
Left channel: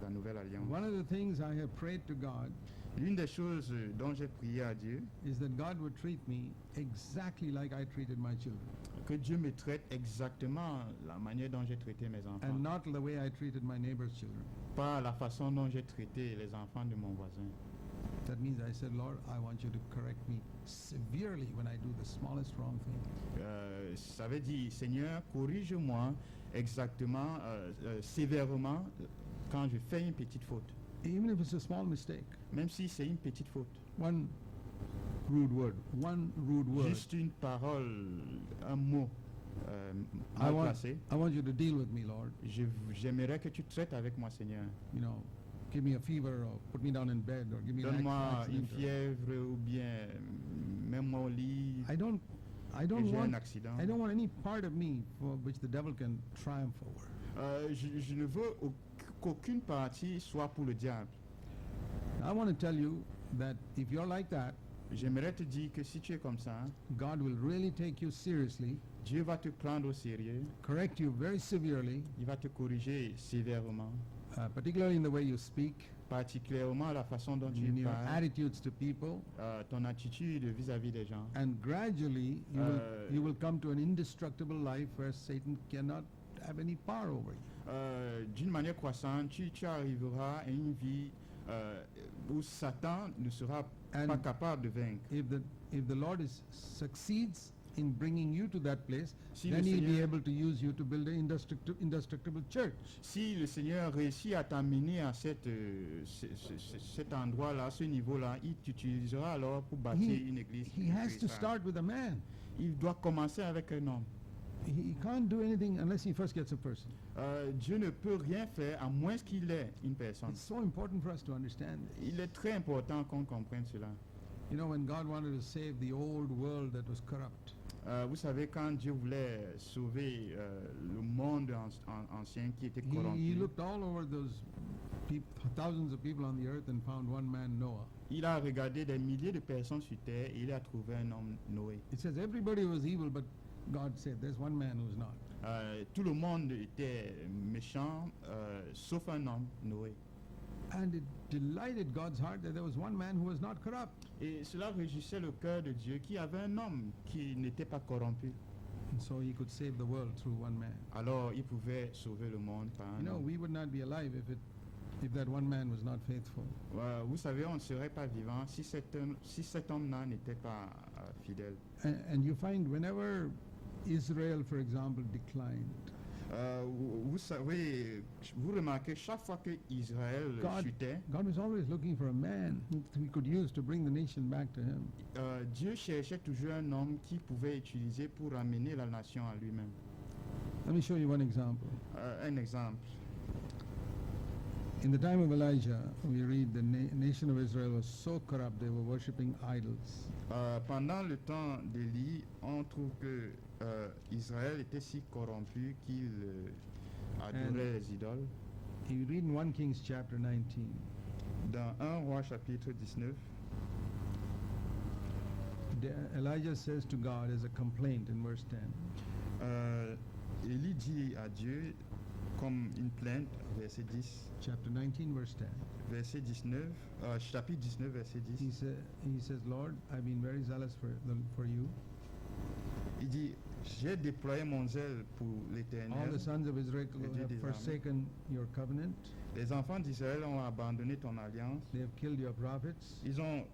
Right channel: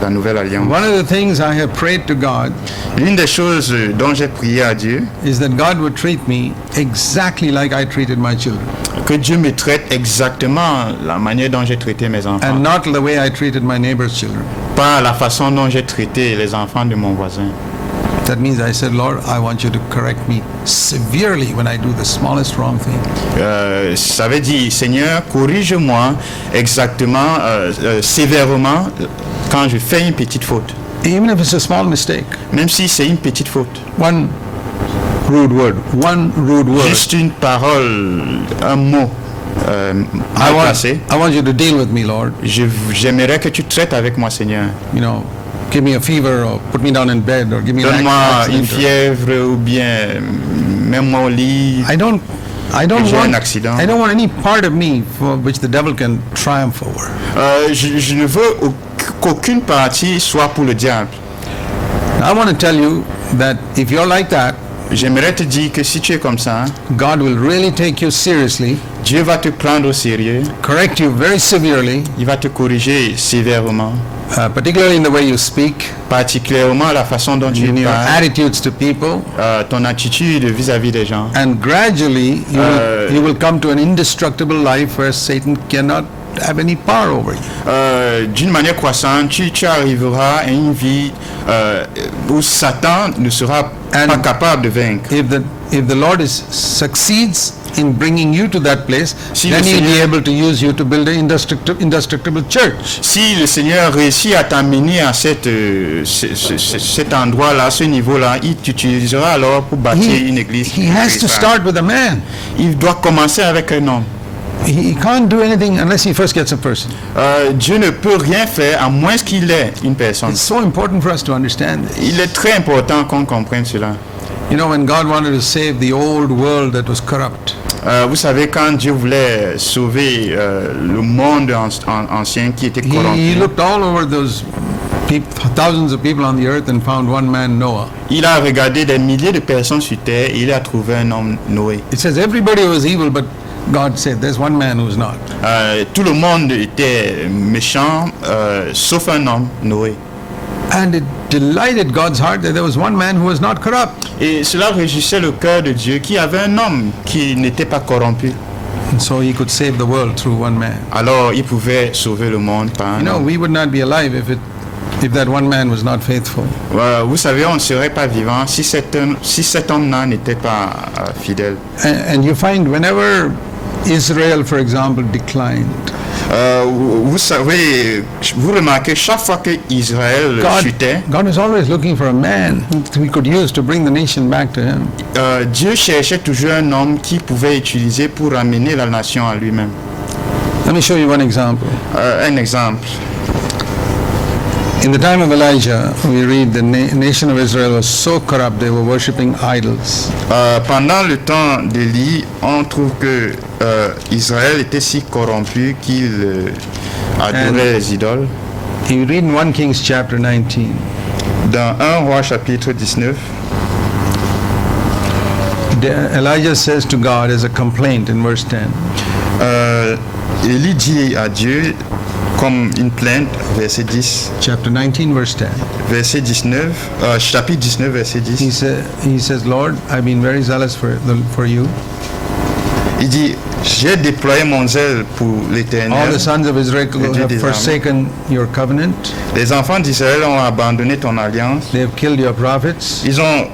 la nouvelle alliance. One of the things I have prayed to God L'une des choses dont j'ai prié à Dieu, is that God would treat me exactly like I treated my children, que Dieu me traite exactement la manière dont j'ai traité mes enfants, and not the way I treated my neighbor's children. pas la façon dont j'ai traité les enfants de mon voisin. That means I said, Lord, I want you to correct me severely when I do the smallest wrong thing. Ça veut dire, Seigneur, corrige-moi exactement, sévèrement, quand je fais une petite faute. Even if it's a small mistake. Même si c'est une petite faute. One rude word. One rude word. Juste une parole, un mot mal placé. I want you to deal with me, Lord. J'aimerais que tu traites avec moi, Seigneur. You know, give me a fever or put me down in bed or give me an Donne-moi une accident. fièvre ou bien mets-moi au lit. I don't J'ai un want accident. I don't want any part of me for which the devil can triumph over. Je ne veux qu'aucune partie soit pour le diable. I want to tell you that if you're like that, J'aimerais te dire que si tu es comme ça, God will really take you seriously, Dieu va te prendre au sérieux, correct you very severely, il va te corriger sévèrement, particularly in the way you speak, particulièrement la façon dont tu in your parles, attitudes to people, ton attitude vis-à-vis des gens. and gradually you will come to an indestructible life where Satan cannot have any power over you. D'une manière croissante, tu arriveras à une vie où Satan ne sera pas capable de vaincre. If the Lord succeeds in bringing you to that place, Si then le he'll be Seigneur- able to use you to build an indestructible church. Si le Seigneur réussit à t'amener à cet endroit-là, ce niveau-là, il t'utilisera alors pour bâtir une église. He has to start with a man. Il doit commencer avec un homme. He can't do anything unless he first gets a person. Dieu ne peut rien faire à moins qu'il ait une personne. It's so important for us to understand this. Il est très important qu'on comprenne cela. You know, when God wanted to save the old world that was corrupt, Vous savez, quand Dieu voulait sauver le monde ancien qui était he corrompu, looked all over those thousands of people on the earth and found one man, Noah. il a regardé des milliers de personnes sur terre et il a trouvé un homme, Noé. It says everybody was evil, but God said there's one man who's not. Tout le monde était méchant, sauf un homme, Noé. And it delighted God's heart that there was one man who was not corrupt. Et cela réjouissait le cœur de Dieu qui avait un homme qui n'était pas corrompu. And so he could save the world through one man. Alors il pouvait sauver le monde par un You know, homme. we would not be alive if that one man was not faithful. Vous savez, on ne serait pas vivant si cet homme-là n'était pas fidèle. And you find whenever Israel, for example, declined, Vous savez, vous remarquez, chaque fois que Israël chutait, God was always looking for a man who he could use to bring the nation back to him. Dieu cherchait toujours un homme qui pouvait utiliser pour ramener la nation à lui-même. Let me show you one example. Un exemple. In the time of Elijah, we read the nation of Israel was so corrupt they were worshipping idols. Pendant le temps d'Élie, on trouve que Israël était si corrompu qu'il adorait les idoles. You read in 1 Kings chapter 19. Dans 1 Roi chapitre 19, Elijah says to God as a complaint in verse 10, Élie dit à Dieu comme une plainte, verset 10, chapter 19, verse 10. verset 19, chapitre 19, verset 10. He says, Lord, I've been very zealous for you. Il dit, j'ai déployé mon zèle pour All l'Éternel. the sons of Israel Dieu have des forsaken your covenant. Les enfants d'Israël ont abandonné ton alliance. They have killed your prophets. Ils ont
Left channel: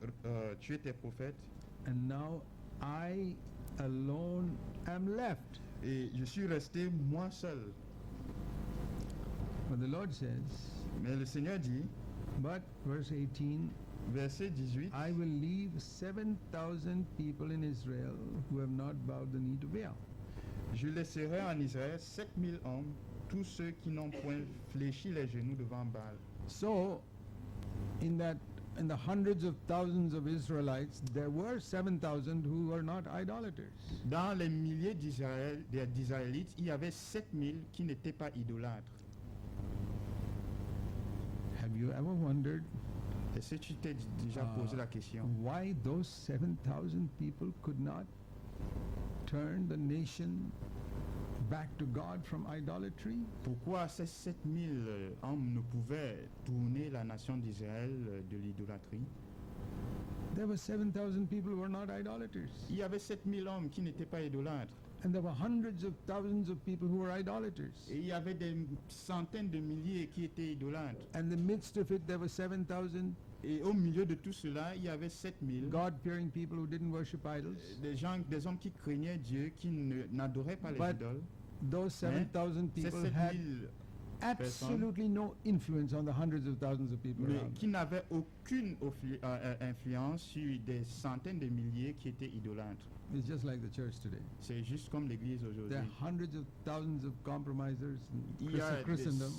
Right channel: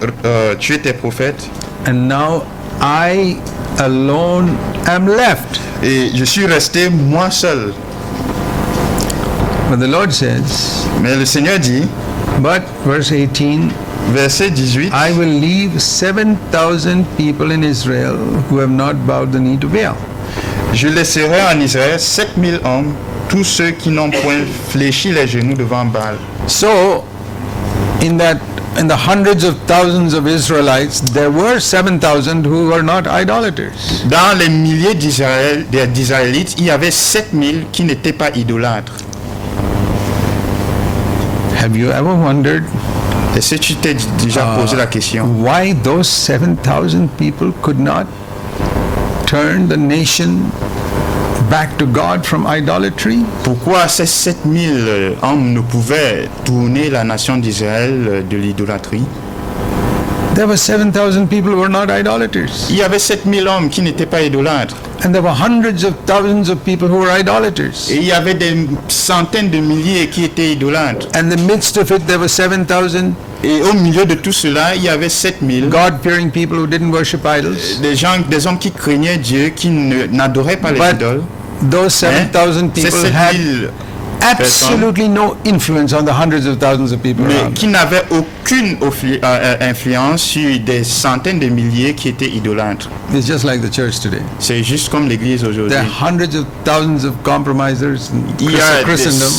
tué tes prophètes. And now I alone am left. Et je suis resté moi seul. But the Lord says, Mais le Seigneur dit, but, verse 18, verset 18, I will leave 7,000 people in Israel who have not bowed the knee to Baal. je laisserai en Israël 7000 hommes, tous ceux qui n'ont point fléchi les genoux devant Baal. So, in the hundreds of thousands of Israelites, there were 7,000 who were not idolaters. Dans les milliers d'Israélites, il y avait 7000 qui n'étaient pas idolâtres. Have you ever wondered Est-ce que tu t'es déjà posé la question? why those 7,000 people could not turn the nation back to God from idolatry? Pourquoi ces 7000 hommes ne pouvaient tourner la nation d'Israël de l'idolâtrie? There were 7,000 people who were not idolaters. Il y avait 7000 hommes qui n'étaient pas idolâtres. And there were hundreds of thousands of people who were idolaters. Et il y avait des centaines de milliers qui étaient idolâtres. And in the midst of it, there were 7,000 Et au milieu de tout cela, il y avait 7000 God-fearing people who didn't worship idols. des hommes qui craignaient Dieu, qui n'adoraient pas les But idoles. those 7,000 Ces people had 7000 absolutely no influence on the hundreds of thousands of people mais around. qui n'avaient aucune influence sur des centaines de milliers qui étaient idolâtres. It's just like the church today. C'est juste comme l'Église aujourd'hui. There are hundreds of thousands of compromisers in Il y a Christendom.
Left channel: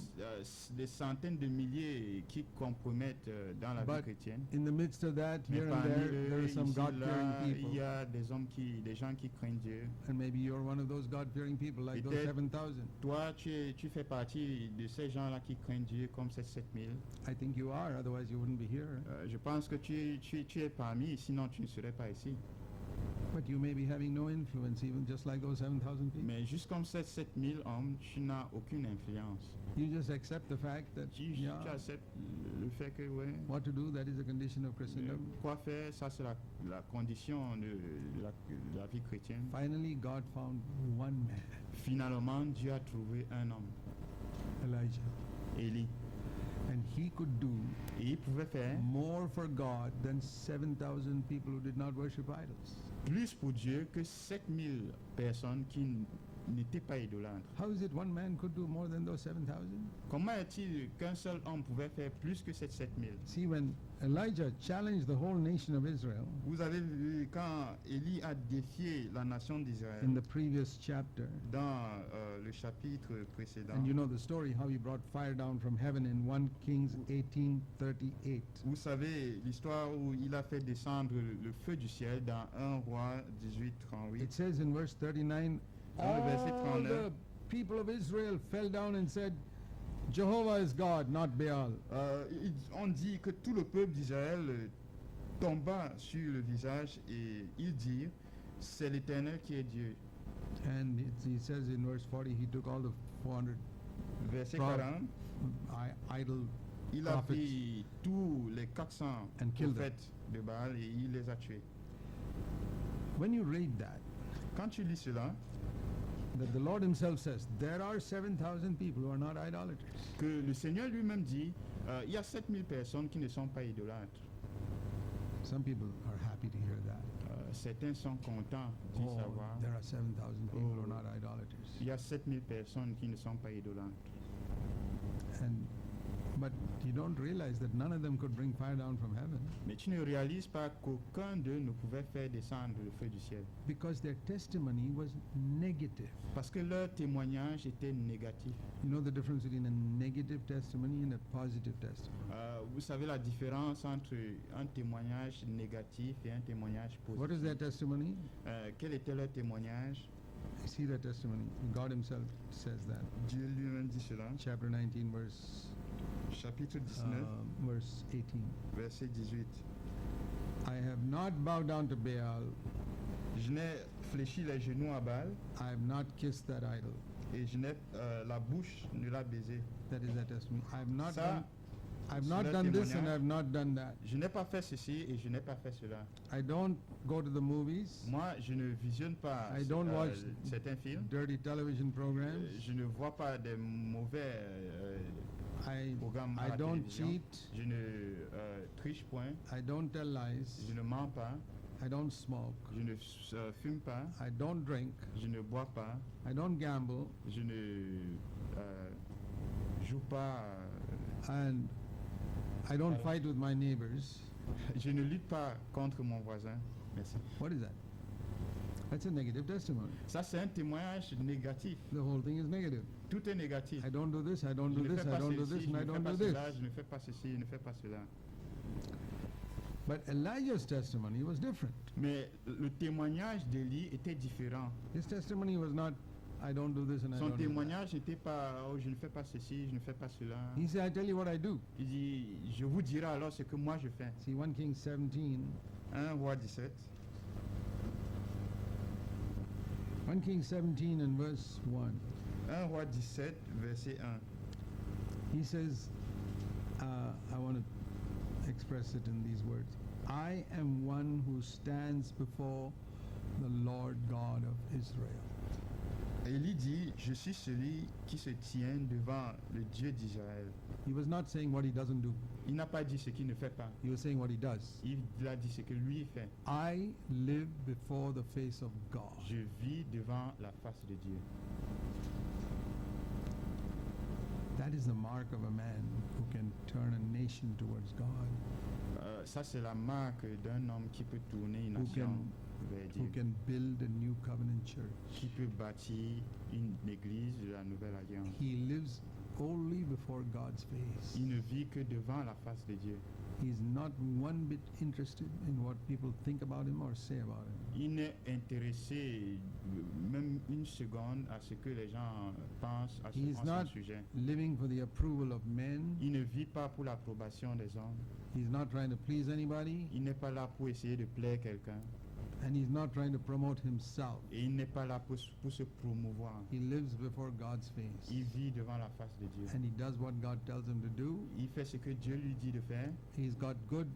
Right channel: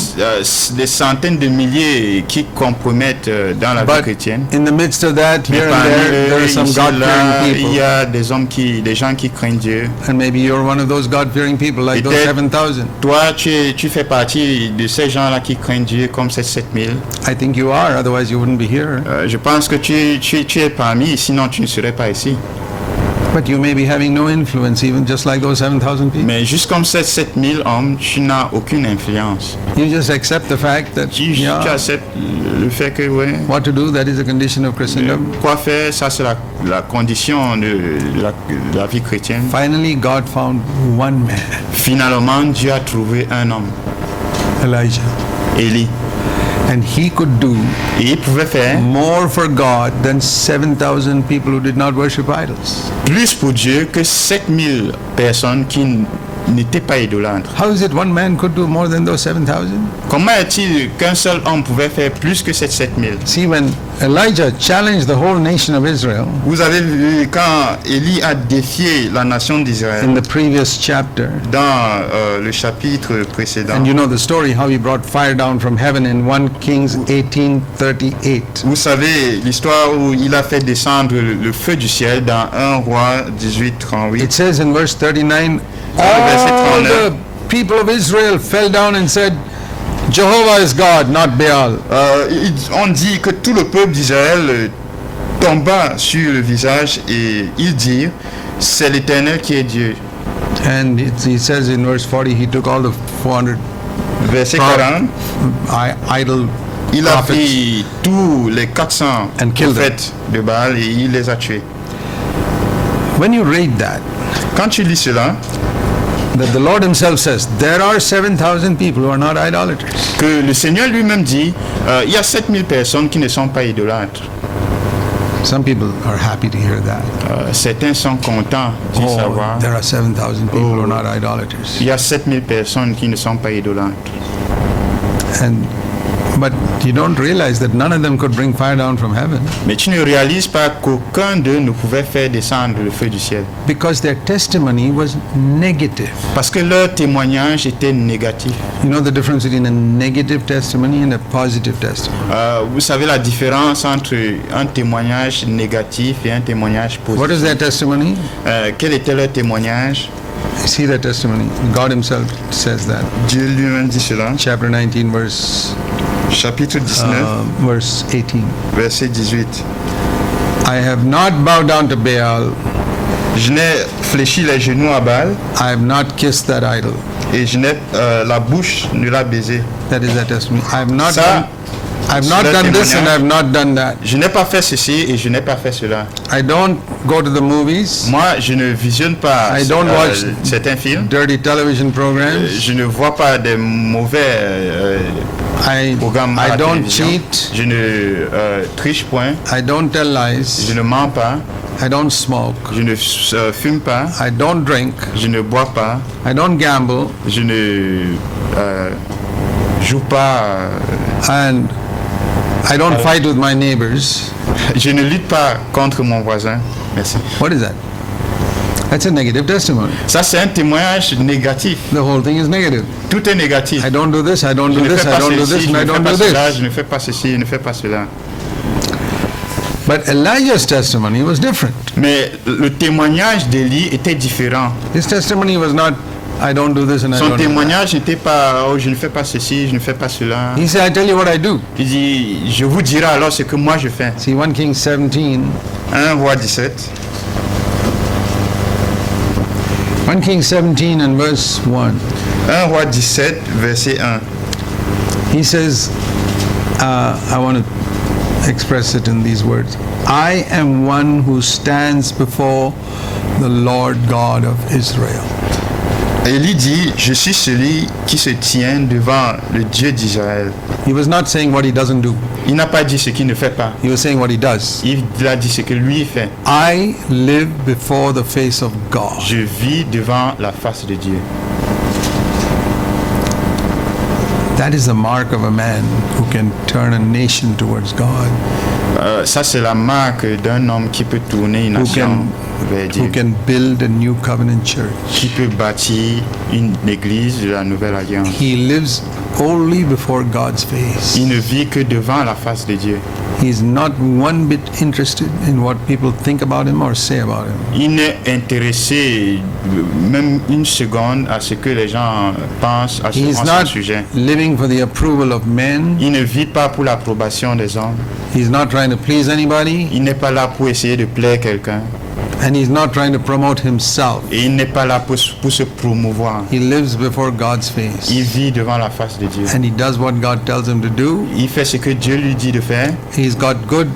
des centaines de milliers qui compromettent dans la vie But chrétienne. in the midst of that, Mais here and parmi there eux, are some ici, là, God-fearing il y people. a des gens qui craignent Dieu. And maybe you're one of those God-fearing people like those Peut-être 7,000. Toi, tu fais partie de ces gens-là qui craignent Dieu comme ces 7000. I think you are, otherwise you wouldn't be here. Je pense que tu es parmi, sinon tu ne serais pas ici. But you may be having no influence, even just like those 7,000 people. Mais juste comme ces 7000 hommes, tu n'as aucune influence. You just accept the fact that, Tu yeah, acceptes le fait que, ouais, what to do, that is a condition of Christendom. quoi faire, ça c'est la condition de la vie chrétienne. Finally, God found one man, Finalement, Dieu a trouvé un homme, Elijah. Élie. And he could do Et il pouvait faire more for God than 7,000 people who did not worship idols. plus pour Dieu que 7000 personnes qui n'étaient pas idolâtres. How is it one man could do more than those 7,000? Comment est-il qu'un seul homme pouvait faire plus que ces 7000? See, when Elijah challenged the whole nation of Israel Vous avez vu quand Élie a défié la nation d'Israël in the previous chapter. dans le chapitre précédent. And you know the story how he brought fire down from heaven in 1 Kings 18:38. Vous savez l'histoire où il a fait descendre le feu du ciel dans 1 Roi 18:38. It says in verse 39, verset all 39. the people of Israel fell down and said, Jehovah is God, not Baal. On dit que tout le peuple d'Israël tomba sur le visage et ils dirent, c'est l'Éternel qui est Dieu. And he says in verse 40, he took all the 400 Verset 40, idol il a prophets. pris tous les 400 And killed them. prophètes de Baal et il les a tués. When you read that, Quand tu lis cela, that the Lord himself says, there are 7,000 people who are not idolaters. que le Seigneur lui-même dit, il y a 7000 personnes qui ne sont pas idolâtres. Some people are happy to hear that. Certains sont contents d'y Oh, savoir. there are 7,000 people who are not idolaters. Il y a 7000 personnes qui ne sont pas idolâtres. But you don't realize that none of them could bring fire down from heaven Mais tu ne réalises pas qu'aucun d'eux ne pouvait faire descendre le feu du ciel. because their testimony was negative. Parce que leur témoignage était négatif. You know the difference between a negative testimony and a positive testimony. Vous savez la différence entre un témoignage négatif et un témoignage positif. What is their testimony? Quel était leur témoignage? See their testimony. God himself says that. Dieu lui-même dit cela. Chapter 19, verse Chapitre 19, verse 18. verset 18. I have not bowed down to Baal. Je n'ai fléchi les genoux à Baal I have not kissed that idol. et je n'ai la bouche ne l'a baisé. That is their testimony. I have not Ça, done, I have not c'est leur done this and I témoignage. have not done that. Je n'ai pas fait ceci et je n'ai pas fait cela. I don't go to the movies, Moi, je ne visionne pas I don't watch certains films. dirty television programs. Je ne vois pas des mauvais programmes à I la don't télévision. cheat. Je ne triche point. I don't tell lies. Je ne mens pas. I don't smoke. Je ne fume pas. I don't drink. Je ne bois pas. I don't gamble. Je ne joue pas. And I don't fight with my neighbors. Je ne lutte pas contre mon voisin. Merci. What is that? That's a negative testimony. Ça, c'est un témoignage négatif. The whole thing is negative. Tout est négatif. I don't do this, I don't Je do ne this, fais I pas don't do ceci, this, je and ne I fais don't pas do cela, this. je ne fais pas ceci, je ne fais pas cela. But Elijah's testimony was different. Mais le témoignage d'Élie était différent. His testimony was not, I don't do this and I Son don't do that. témoignage n'était pas « Oh, je ne fais pas ceci, je ne fais pas cela He said, I tell you what I do. ». Il dit « Je vous dirai alors ce que moi je fais See, 1 Kings 17, ». 1 Roi 17, 1 Kings 17 and verse 1. 1 Roi 17, verset 1. He says, I want to express it in these words. I am one who stands before the Lord God of Israel. Élie dit « Je suis celui qui se tient devant le Dieu d'Israël He was not saying what he doesn't do. ». Il n'a pas dit ce qu'il ne fait pas. He was saying what he does. Il a dit ce que lui fait. I live before the face of God. Je vis devant la face de Dieu. That is the mark of a man who can turn a nation towards God, Ça, c'est la marque d'un homme qui peut tourner une nation vers who Dieu, can build a new covenant church. qui peut bâtir une église de la Nouvelle Alliance. He lives only before God's face. Il ne vit que devant la face de Dieu. He's not one bit interested in what people think about him or say about him. Il n'est intéressé même une seconde à ce que les gens pensent à He's son not sujet. living for the approval of men. Il ne vit pas pour l'approbation des hommes. He's not trying to please anybody, Il n'est pas là pour essayer de plaire quelqu'un. and he's not trying to promote himself. Et il n'est pas là pour se promouvoir. He lives before God's face, Il vit devant la face de Dieu. and he does what God tells him to do. Il fait ce que Dieu lui dit de faire. He's got good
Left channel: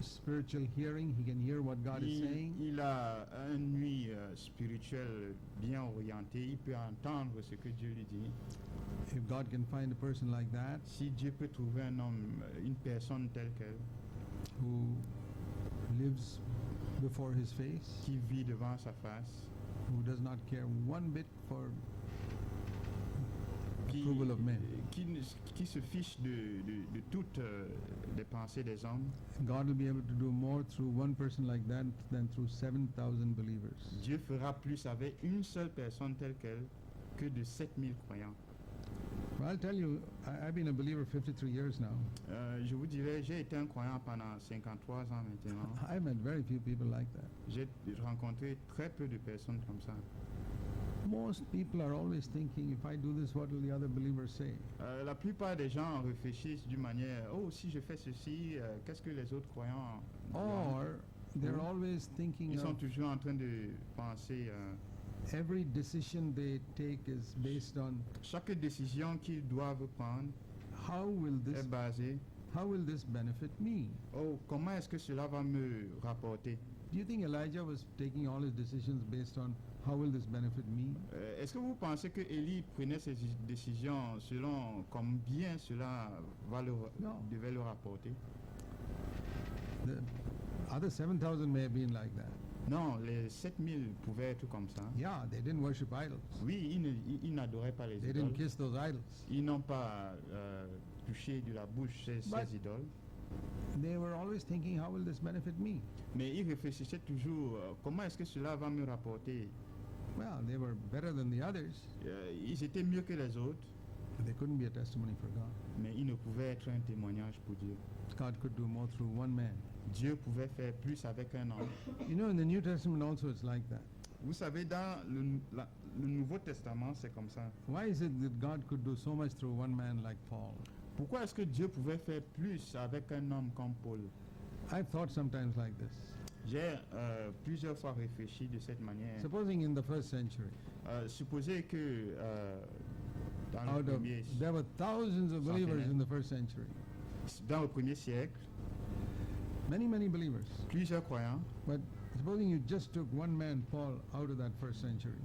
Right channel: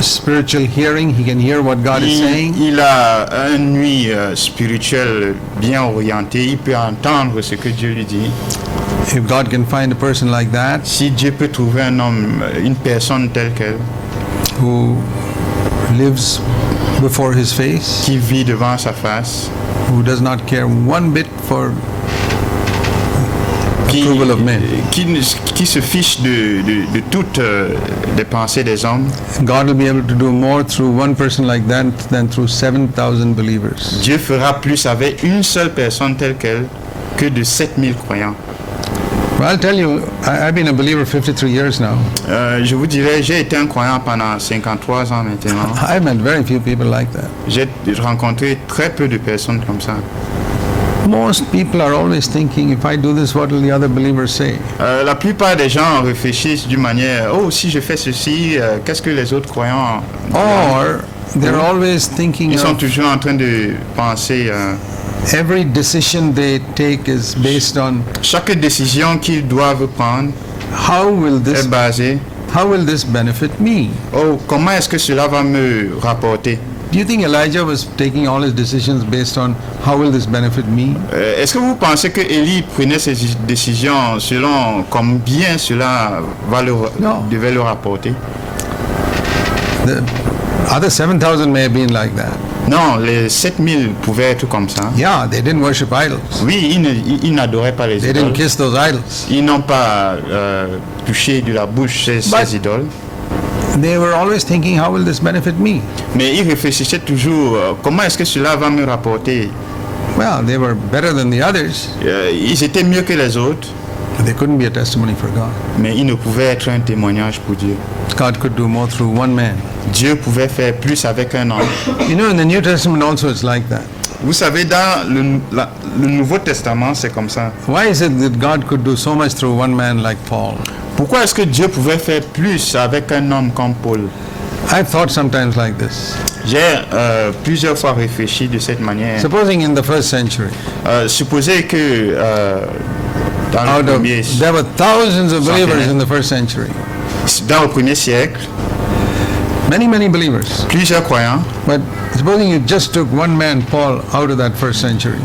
spiritual hearing. He can hear what God is saying. Il a un ouïe spirituel bien orienté. Il peut entendre ce que Dieu lui dit. If God can find a person like that Si Dieu peut trouver un homme, une personne telle qu'elle, who lives before his face, qui vit devant sa face, who does not care one bit for approval of men. qui se fiche de toutes les pensées des hommes. God will be able to do more through one person like that than through 7,000 believers. Dieu fera plus avec une seule personne telle qu'elle que de 7000 croyants. Well, I'll tell you, I've been a believer 53 years now. Je vous dirais, j'ai été un croyant pendant 53 ans maintenant. I've met very few people like that. J'ai rencontré très peu de personnes comme ça. Most people are always thinking, if I do this, what will the other believers say? La plupart des gens réfléchissent d'une manière, oh, si je fais ceci, qu'est-ce que les autres croyants diront? Or they're always thinking Ils sont of toujours en train de penser, every decision they take is based on chaque décision qu'ils doivent prendre how will est basée, this benefit me? oh, comment est-ce que cela va me rapporter? Do you think Elijah was taking all his decisions based on how will this benefit me? Est-ce que vous pensez que Élie prenait ses décisions selon combien cela Non. devait le rapporter? The other 7,000 may have been like that. Non, les 7000 pouvaient être comme ça. Yeah, they didn't worship idols. Oui, ils n'adoraient pas les They idoles. didn't kiss those idols. Ils n'ont pas touché de la bouche ces But- idoles. They were always thinking, how will this benefit me? Mais ils réfléchissaient toujours, comment est-ce que cela va me rapporter? Well, they were better than the others. Ils étaient mieux que les autres, But they couldn't be a testimony for God. mais ils ne pouvaient être un témoignage pour Dieu. God could do more through one man. Dieu pouvait faire plus avec un homme. You know, in the New Testament also it's like that. Vous savez, dans le Nouveau Testament, c'est comme ça. Why is it that God could do so much through one man like Paul? Pourquoi est-ce que Dieu pouvait faire plus avec un homme comme Paul? I've thought sometimes like this. J'ai plusieurs fois réfléchi de cette manière. Supposing in the first century, Supposez que dans le premier there were thousands of believers in the first century. dans le premier siècle, Many, many believers. plusieurs croyants. But supposing you just took one man, Paul, out of that first century.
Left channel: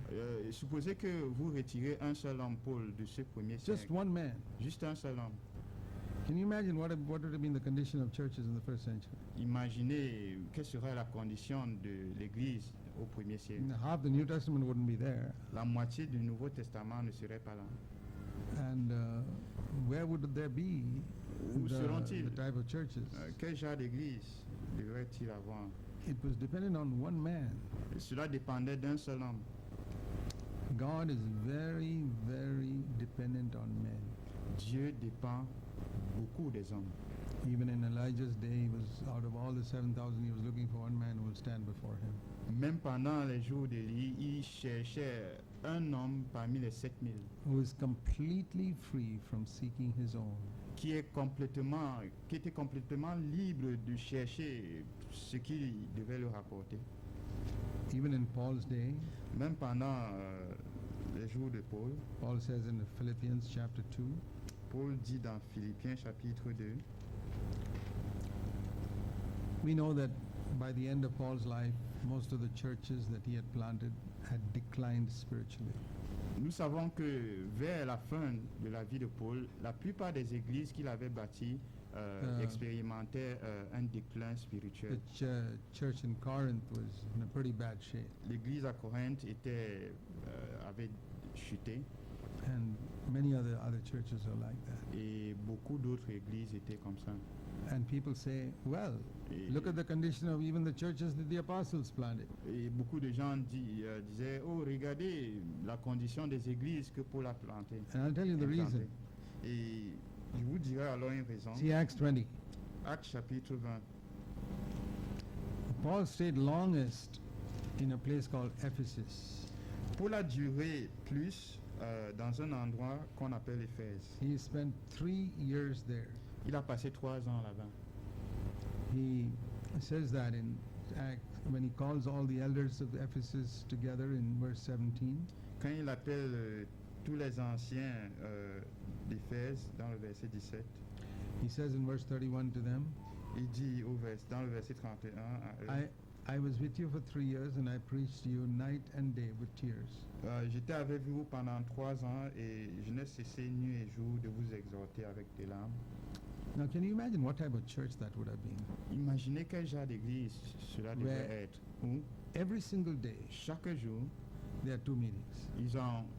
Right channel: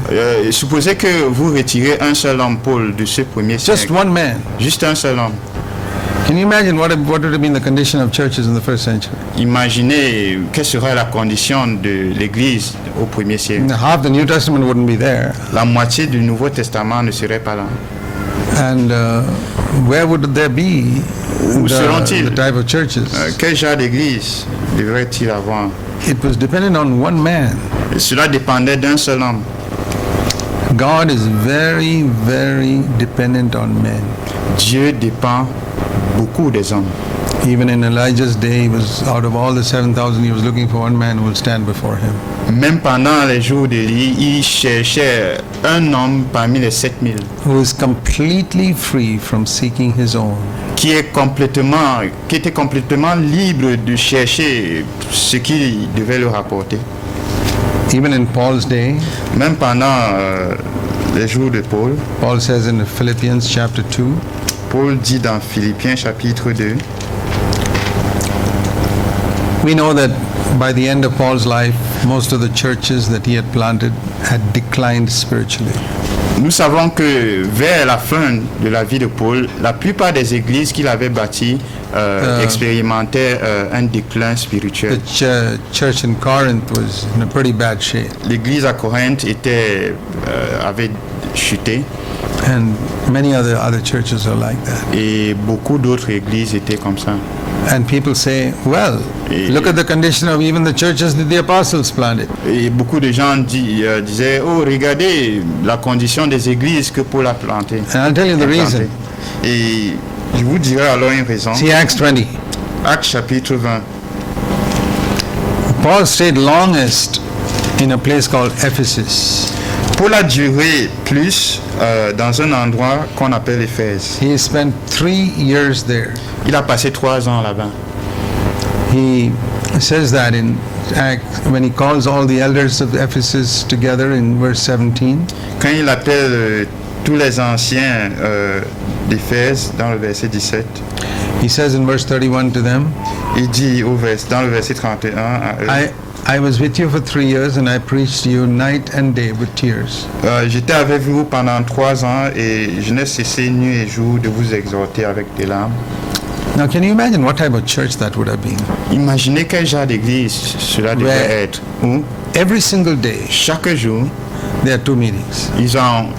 Supposez que vous retirez un seul homme, Paul, de ce premier Just siècle. one man. Juste un seul homme. Can you imagine what would have been the condition of churches in the first century? Imaginez quelle serait la condition de l'Église au premier siècle. Half the New Testament wouldn't be there. La moitié du Nouveau Testament ne serait pas là. And where would there be Où seront-ils? the type of churches? Quel genre d'église devrait-il avoir? It was dependent on one man. Et cela dépendait d'un seul homme. God is very, very dependent on men. Dieu dépend beaucoup des hommes. Even in Elijah's day, he was out of all the 7,000, he was looking for one man who will stand before him. Même pendant les jours d'Élie, il cherchait un homme parmi les 7000 Who is completely free from seeking his own. qui était complètement libre de chercher ce qui devait le rapporter. Even in Paul's day, Même pendant les jours de Paul, Paul says in Philippians chapter 2, Paul dit dans Philippiens chapitre 2, we know that by the end of Paul's life, most of the churches that he had planted had declined spiritually. nous savons que vers la fin de la vie de Paul, la plupart des églises qu'il avait bâties expérimentaient un déclin The spirituel. church in Corinth was in a pretty bad shape. L'église à Corinthe avait chuté And many other churches are like that. et beaucoup d'autres églises étaient comme ça. And people say, well, look at the condition of even the churches that the apostles planted. Et beaucoup de gens disaient, oh, regardez la condition des églises que Paul a plantées. And I'll tell you the reason. Et je vous dirai alors une raison. See Acts 20. Actes chapitre 20. Paul stayed longest in a place called Ephesus. Paul a duré plus dans un endroit qu'on appelle Éphèse. He spent 3 years there. Il a passé 3 ans là-bas. He says that in Acts, when he calls all the elders of Ephesus together in verse 17. Quand il appelle tous les anciens d'Éphèse dans le verset 17, He says in verse 31 to them, il dit dans le verset 31 à eux, I was with you for 3 years and I preached to you night and day with tears. j'étais avec vous pendant 3 ans et je n'ai cessé nuit et jour de vous exhorter avec des larmes. Now can you imagine what type of church that would have been? Imaginez quel genre d'église cela devait Ouais. être. Où Every single day chaque jour, there are 2 meetings. ils ont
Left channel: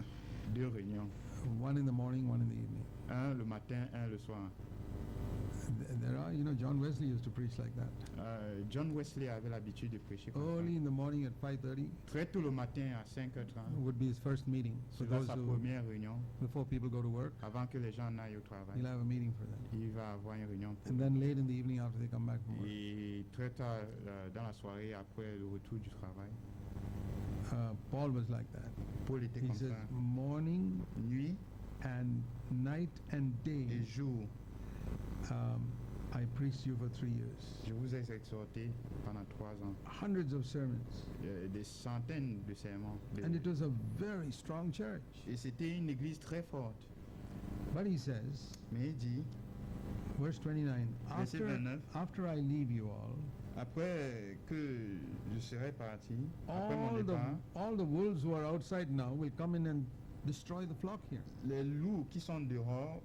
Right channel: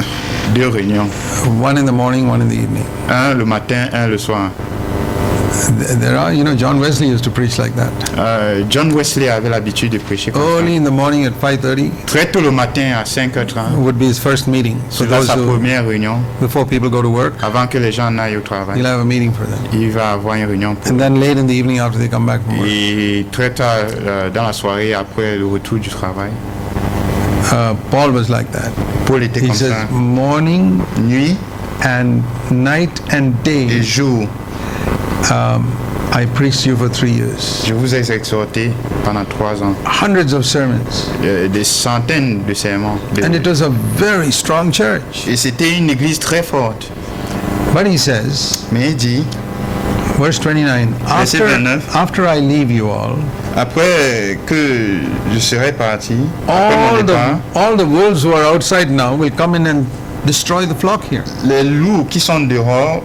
2 réunions. one in the morning, one in the evening. Un le matin, un le soir. There are, John Wesley used to preach like that. John Wesley avait l'habitude de prêcher comme Early in the morning at 5:30 ça. Très tôt le matin à 5h30, would be his first meeting. For c'est là those sa who, première réunion. before people go to work, Avant que les gens n'aillent au travail, he'll have a meeting for them. il va avoir une réunion. And then late in the evening after they come back from work, Et très tard dans la soirée, après le retour du travail, Paul was like that. Paul était He comme says, ça. morning Nuit and night and et day, jour, I preached you for 3 years. je vous ai exhorté pendant 3 ans. Hundreds of sermons. Des centaines de sermons. And it was a very strong church. Et c'était une église très forte. But he says, Mais il dit, verse 29, Verset 29. after I leave you all, après que je serai parti, après mon départ, all the wolves who are outside now will come in and destroy the flock here. les loups qui sont dehors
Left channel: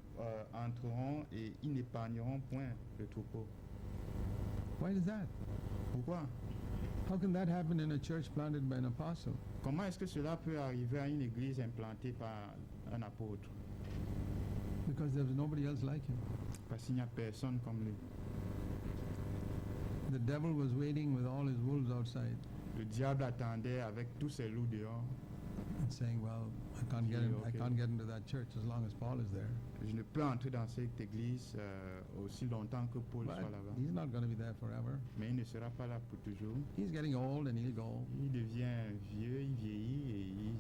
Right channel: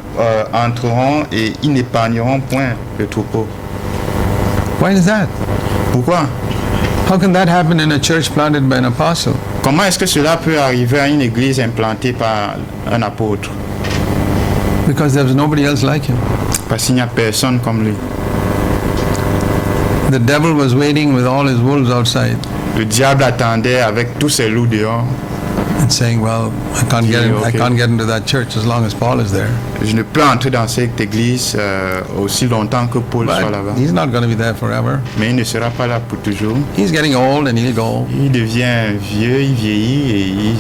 entreront et ils n'épargneront point le troupeau. Why is that? Pourquoi? How can that happen in a church planted by an apostle? Comment est-ce que cela peut arriver à une église implantée par un apôtre? Because there's nobody else like him. Parce qu'il n'y a personne comme lui. The devil was waiting with all his wolves outside Le diable attendait avec tous ses loups dehors. and saying, well, I can't get into that church as long as Paul is there. Je ne peux entrer dans cette église aussi longtemps que Paul soit là-bas. But he's not going to be there forever. Mais il ne sera pas là pour toujours. He's getting old and he'll go. Il devient vieux, il vieillit et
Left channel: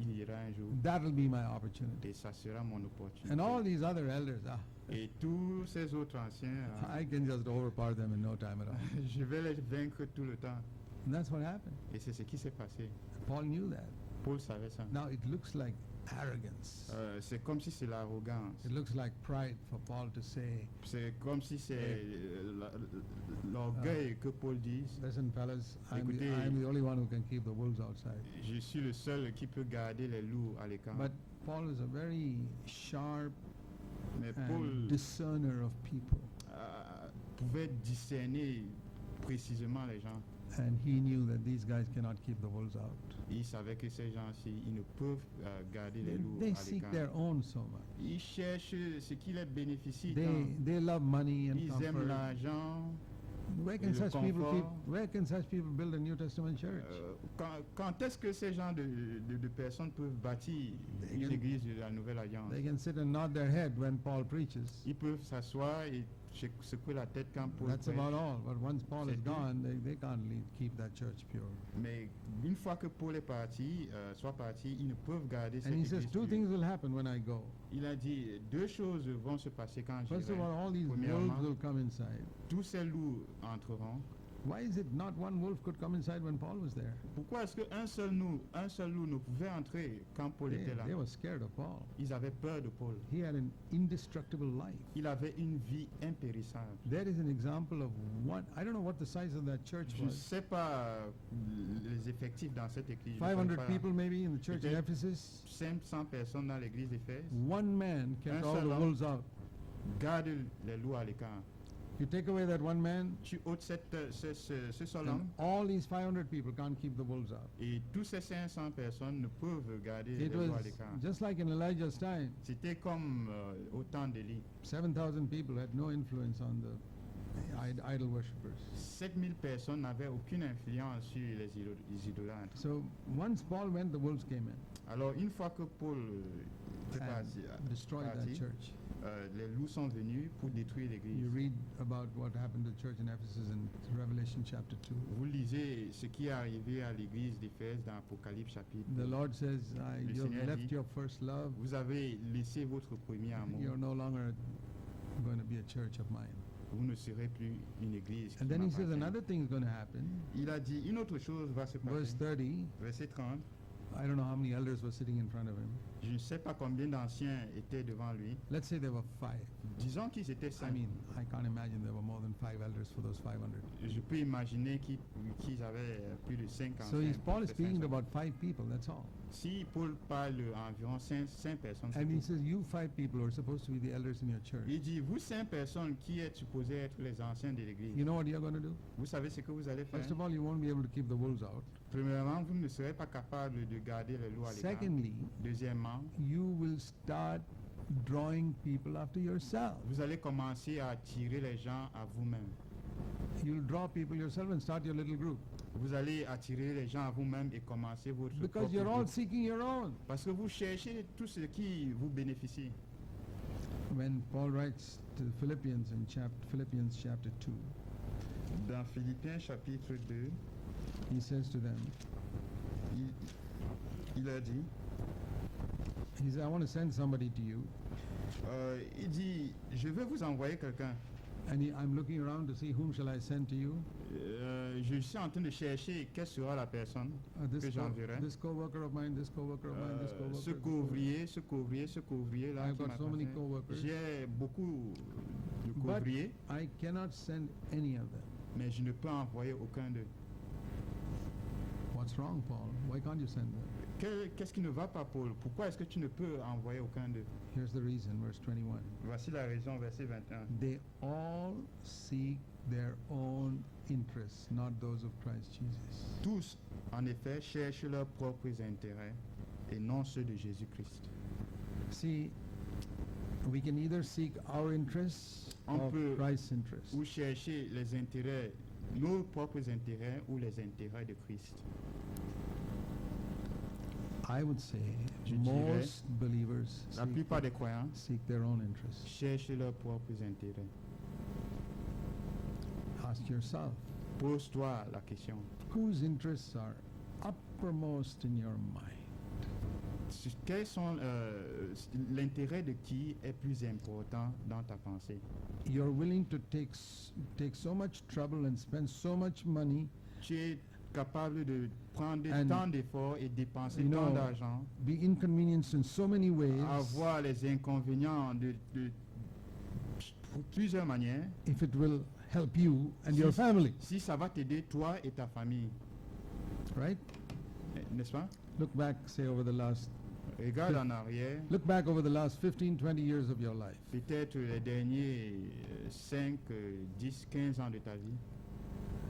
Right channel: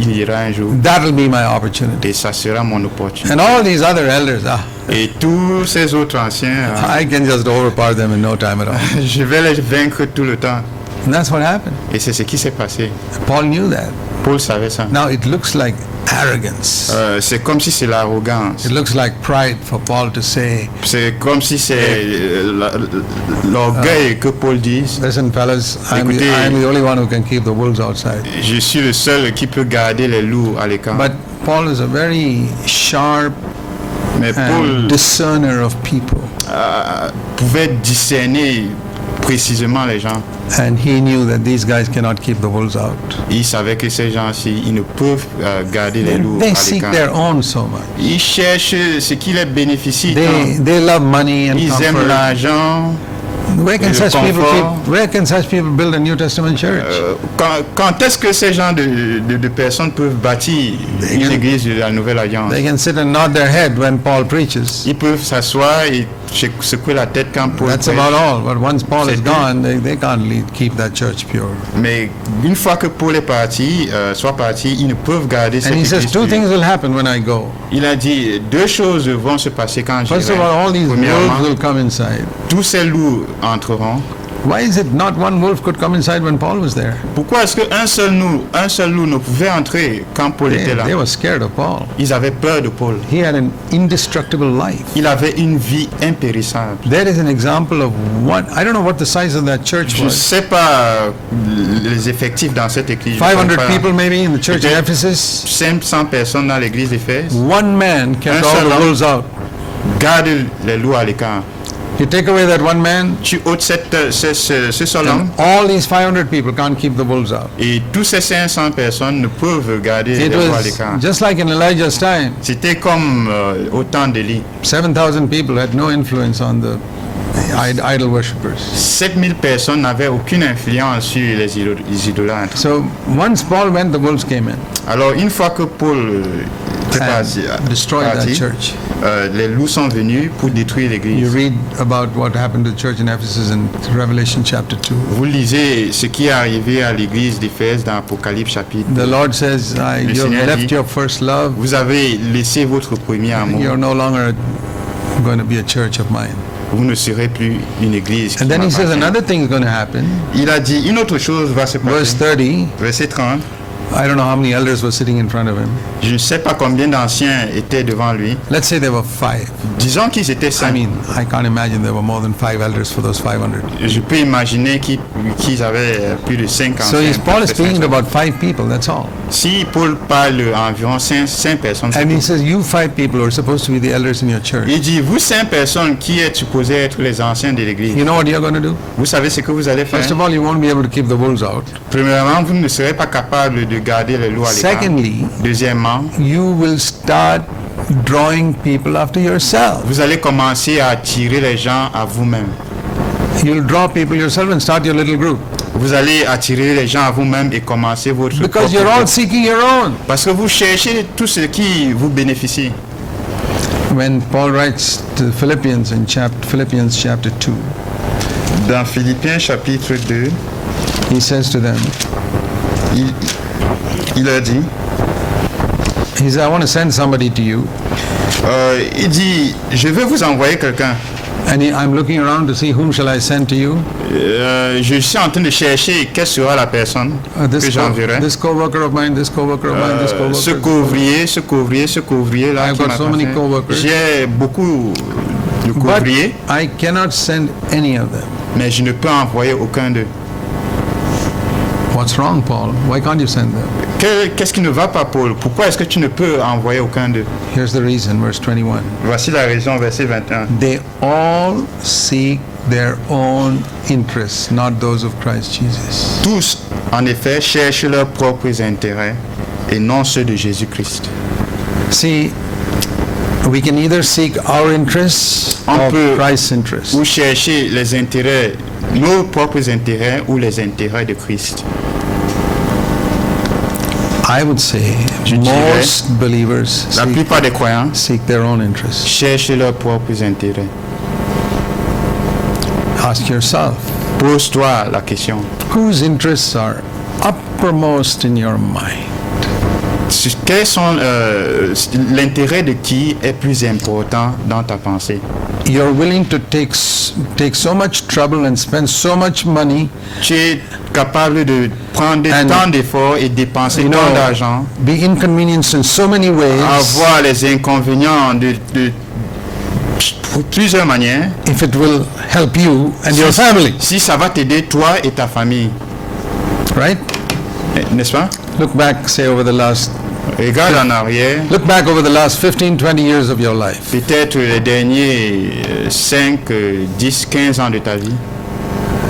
il ira un jour. That'll be my opportunity. Et ça sera mon opportunité. And all these other elders, Et tous ces autres anciens, I can just overpower them in no time at all. je vais les vaincre tout le temps. And that's what happened. Et c'est ce qui s'est passé. Paul knew that. Paul savait ça. Now it looks like arrogance. C'est comme si c'est l'arrogance. It looks like pride for Paul to say, C'est comme si c'est l'orgueil que Paul dise. listen fellas, I'm Écoutez, the only one who can keep the wolves outside. Je suis le seul qui peut garder les loups à l'écart. But Paul is a very sharp Mais Paul and discerner of people. pouvait discerner précisément les gens. And he knew that these guys cannot keep the wolves out. Il savait que ces gens-ci, ils ne peuvent garder les loups They à seek l'écart. their own so much. Ils cherchent ce qui les bénéficie. They love money and Ils aiment comfort. l'argent. Where can le such people confort. where can such people build a New Testament church? Quand est-ce que ces gens de personnes peuvent bâtir une église de la Nouvelle Alliance? They can sit and nod their head when Paul preaches. Ils peuvent s'asseoir et secouer la tête quand Paul That's prêche. about all. But once Paul is C'est tout. gone, they can't keep that church pure. Mais une fois que Paul est parti, soit parti, ils ne peuvent garder cette And he says église two pure. things will happen when I go. Il a dit 2 choses vont se passer quand je First of all, all these wolves Premièrement, will come inside. tous ces loups entreront. Why is it not one wolf could come inside when Paul was there? Pourquoi est-ce qu'un seul loup ne pouvait entrer quand Paul était là? They were scared of Paul. Ils avaient peur de Paul. He had an indestructible life. Il avait une vie impérissable. There is an example of one. I don't know what the size of that church Je ne was. sais pas les effectifs dans cette église. Je 500 sais pas. people maybe in the church in Peut-être Ephesus. 500 personnes dans l'église d'Éphèse. One man kept Un all seul the homme. wolves out. Garde les loups à l'écart. You take away that one man, Tu ôtes ce seul homme and all these 500 people can't keep the wolves out. et tous ces 500 personnes ne peuvent garder les It loups à was l'écart. just like in Elijah's time. C'était comme au temps d'Élie. 7,000 people had no influence on the idol worshippers. 7000 personnes n'avaient aucune influence sur les idolâtres. So once Paul went, the wolves came in Alors une fois que Paul est parti, and destroyed that church. les loups sont venus pour détruire You l'église. read about what happened to the church in Ephesus in Revelation chapter 2. Vous lisez ce qui est arrivé à l'église d'Éphèse dans Apocalypse chapitre. The Lord says, you have Seigneur left dit, your first love. Vous avez laissé votre premier amour. You're no longer going to be a church of mine. Vous ne serez plus une église qui And then he says m'appartient. another thing is going to happen. Il a dit une autre chose va se Verse passer. 30, Verset 30. I don't know how many elders were sitting in front of him. Je ne sais pas combien d'anciens étaient devant lui. Let's say there were 5. Disons qu'ils étaient I 5. mean, I can't imagine there were more than 5 elders for those 500. Je peux imaginer qu'ils avaient plus de 5 So anciens. Paul is speaking about 5 people, that's all. Si Paul parle à environ 5 personnes, c'est And he tout. says, you 5 people are supposed to be the elders in your church. Il dit, vous 5 personnes qui êtes supposés être les anciens de l'église, You know what you're going to do? vous savez ce que vous allez faire? First of all, you won't be able to keep the wolves out. Premièrement, vous ne serez pas capable de de garder les loups à l'écart. Secondly, Deuxièmement, you will start drawing people after yourself. vous allez commencer à attirer les gens à vous-même. You'll draw people yourself and start your little group. Vous allez attirer les gens à vous-même et commencer votre Because propre you're all groupe. seeking your own. Parce que vous cherchez tout ce qui vous bénéficie. When Paul writes to Philippians in Philippians chapter 2, Dans Philippiens chapitre 2, he says to them, il a dit, he says, I want to send somebody to you. il dit, je vais vous envoyer quelqu'un. And I'm looking around to see whom shall I send to you. Je suis en train de chercher quelle sera la personne que j'enverrai. This co-worker of mine, this co-worker of mine, this Ce co-worker. couvrier là. I've qui got m'a so many passé. co-workers. J'ai beaucoup de But couvriers, I cannot send any of them. mais je ne peux envoyer aucun d'eux. What's wrong, Paul? Why can't you send them? Qu'est-ce qui ne va pas, Paul? Pourquoi est-ce que tu ne peux envoyer aucun d'eux? Here's the reason, verse 21. Voici la raison, verset 21. They all seek their own interests, not those of Christ Jesus. Tous, en effet, cherchent leurs propres intérêts et non ceux de Jésus-Christ. See, we can either seek our interests On or peut- Christ's interests. Ou chercher les intérêts, nos propres intérêts ou les intérêts de Christ. I would say Je dirais, most believers La plupart des croyants seek their own interests. cherchent leurs propres intérêts. Ask yourself, Pose-toi la question. whose interests are uppermost in your mind? Quels sont l'intérêt de qui est plus important dans ta pensée? You're willing to take so much trouble and spend so much money, Tu es capable de prendre And- tant d'efforts et dépenser you know, tant d'argent, be inconvenienced in so many ways, avoir les inconvénients de plusieurs manières, if it will help you and your family, si ça va t'aider toi et ta famille, right? n'est-ce pas? Look back, say over the last, Regarde en arrière, look back over the last 15, 20 years of your life. peut-être les derniers 5, 10, 15 ans de ta vie.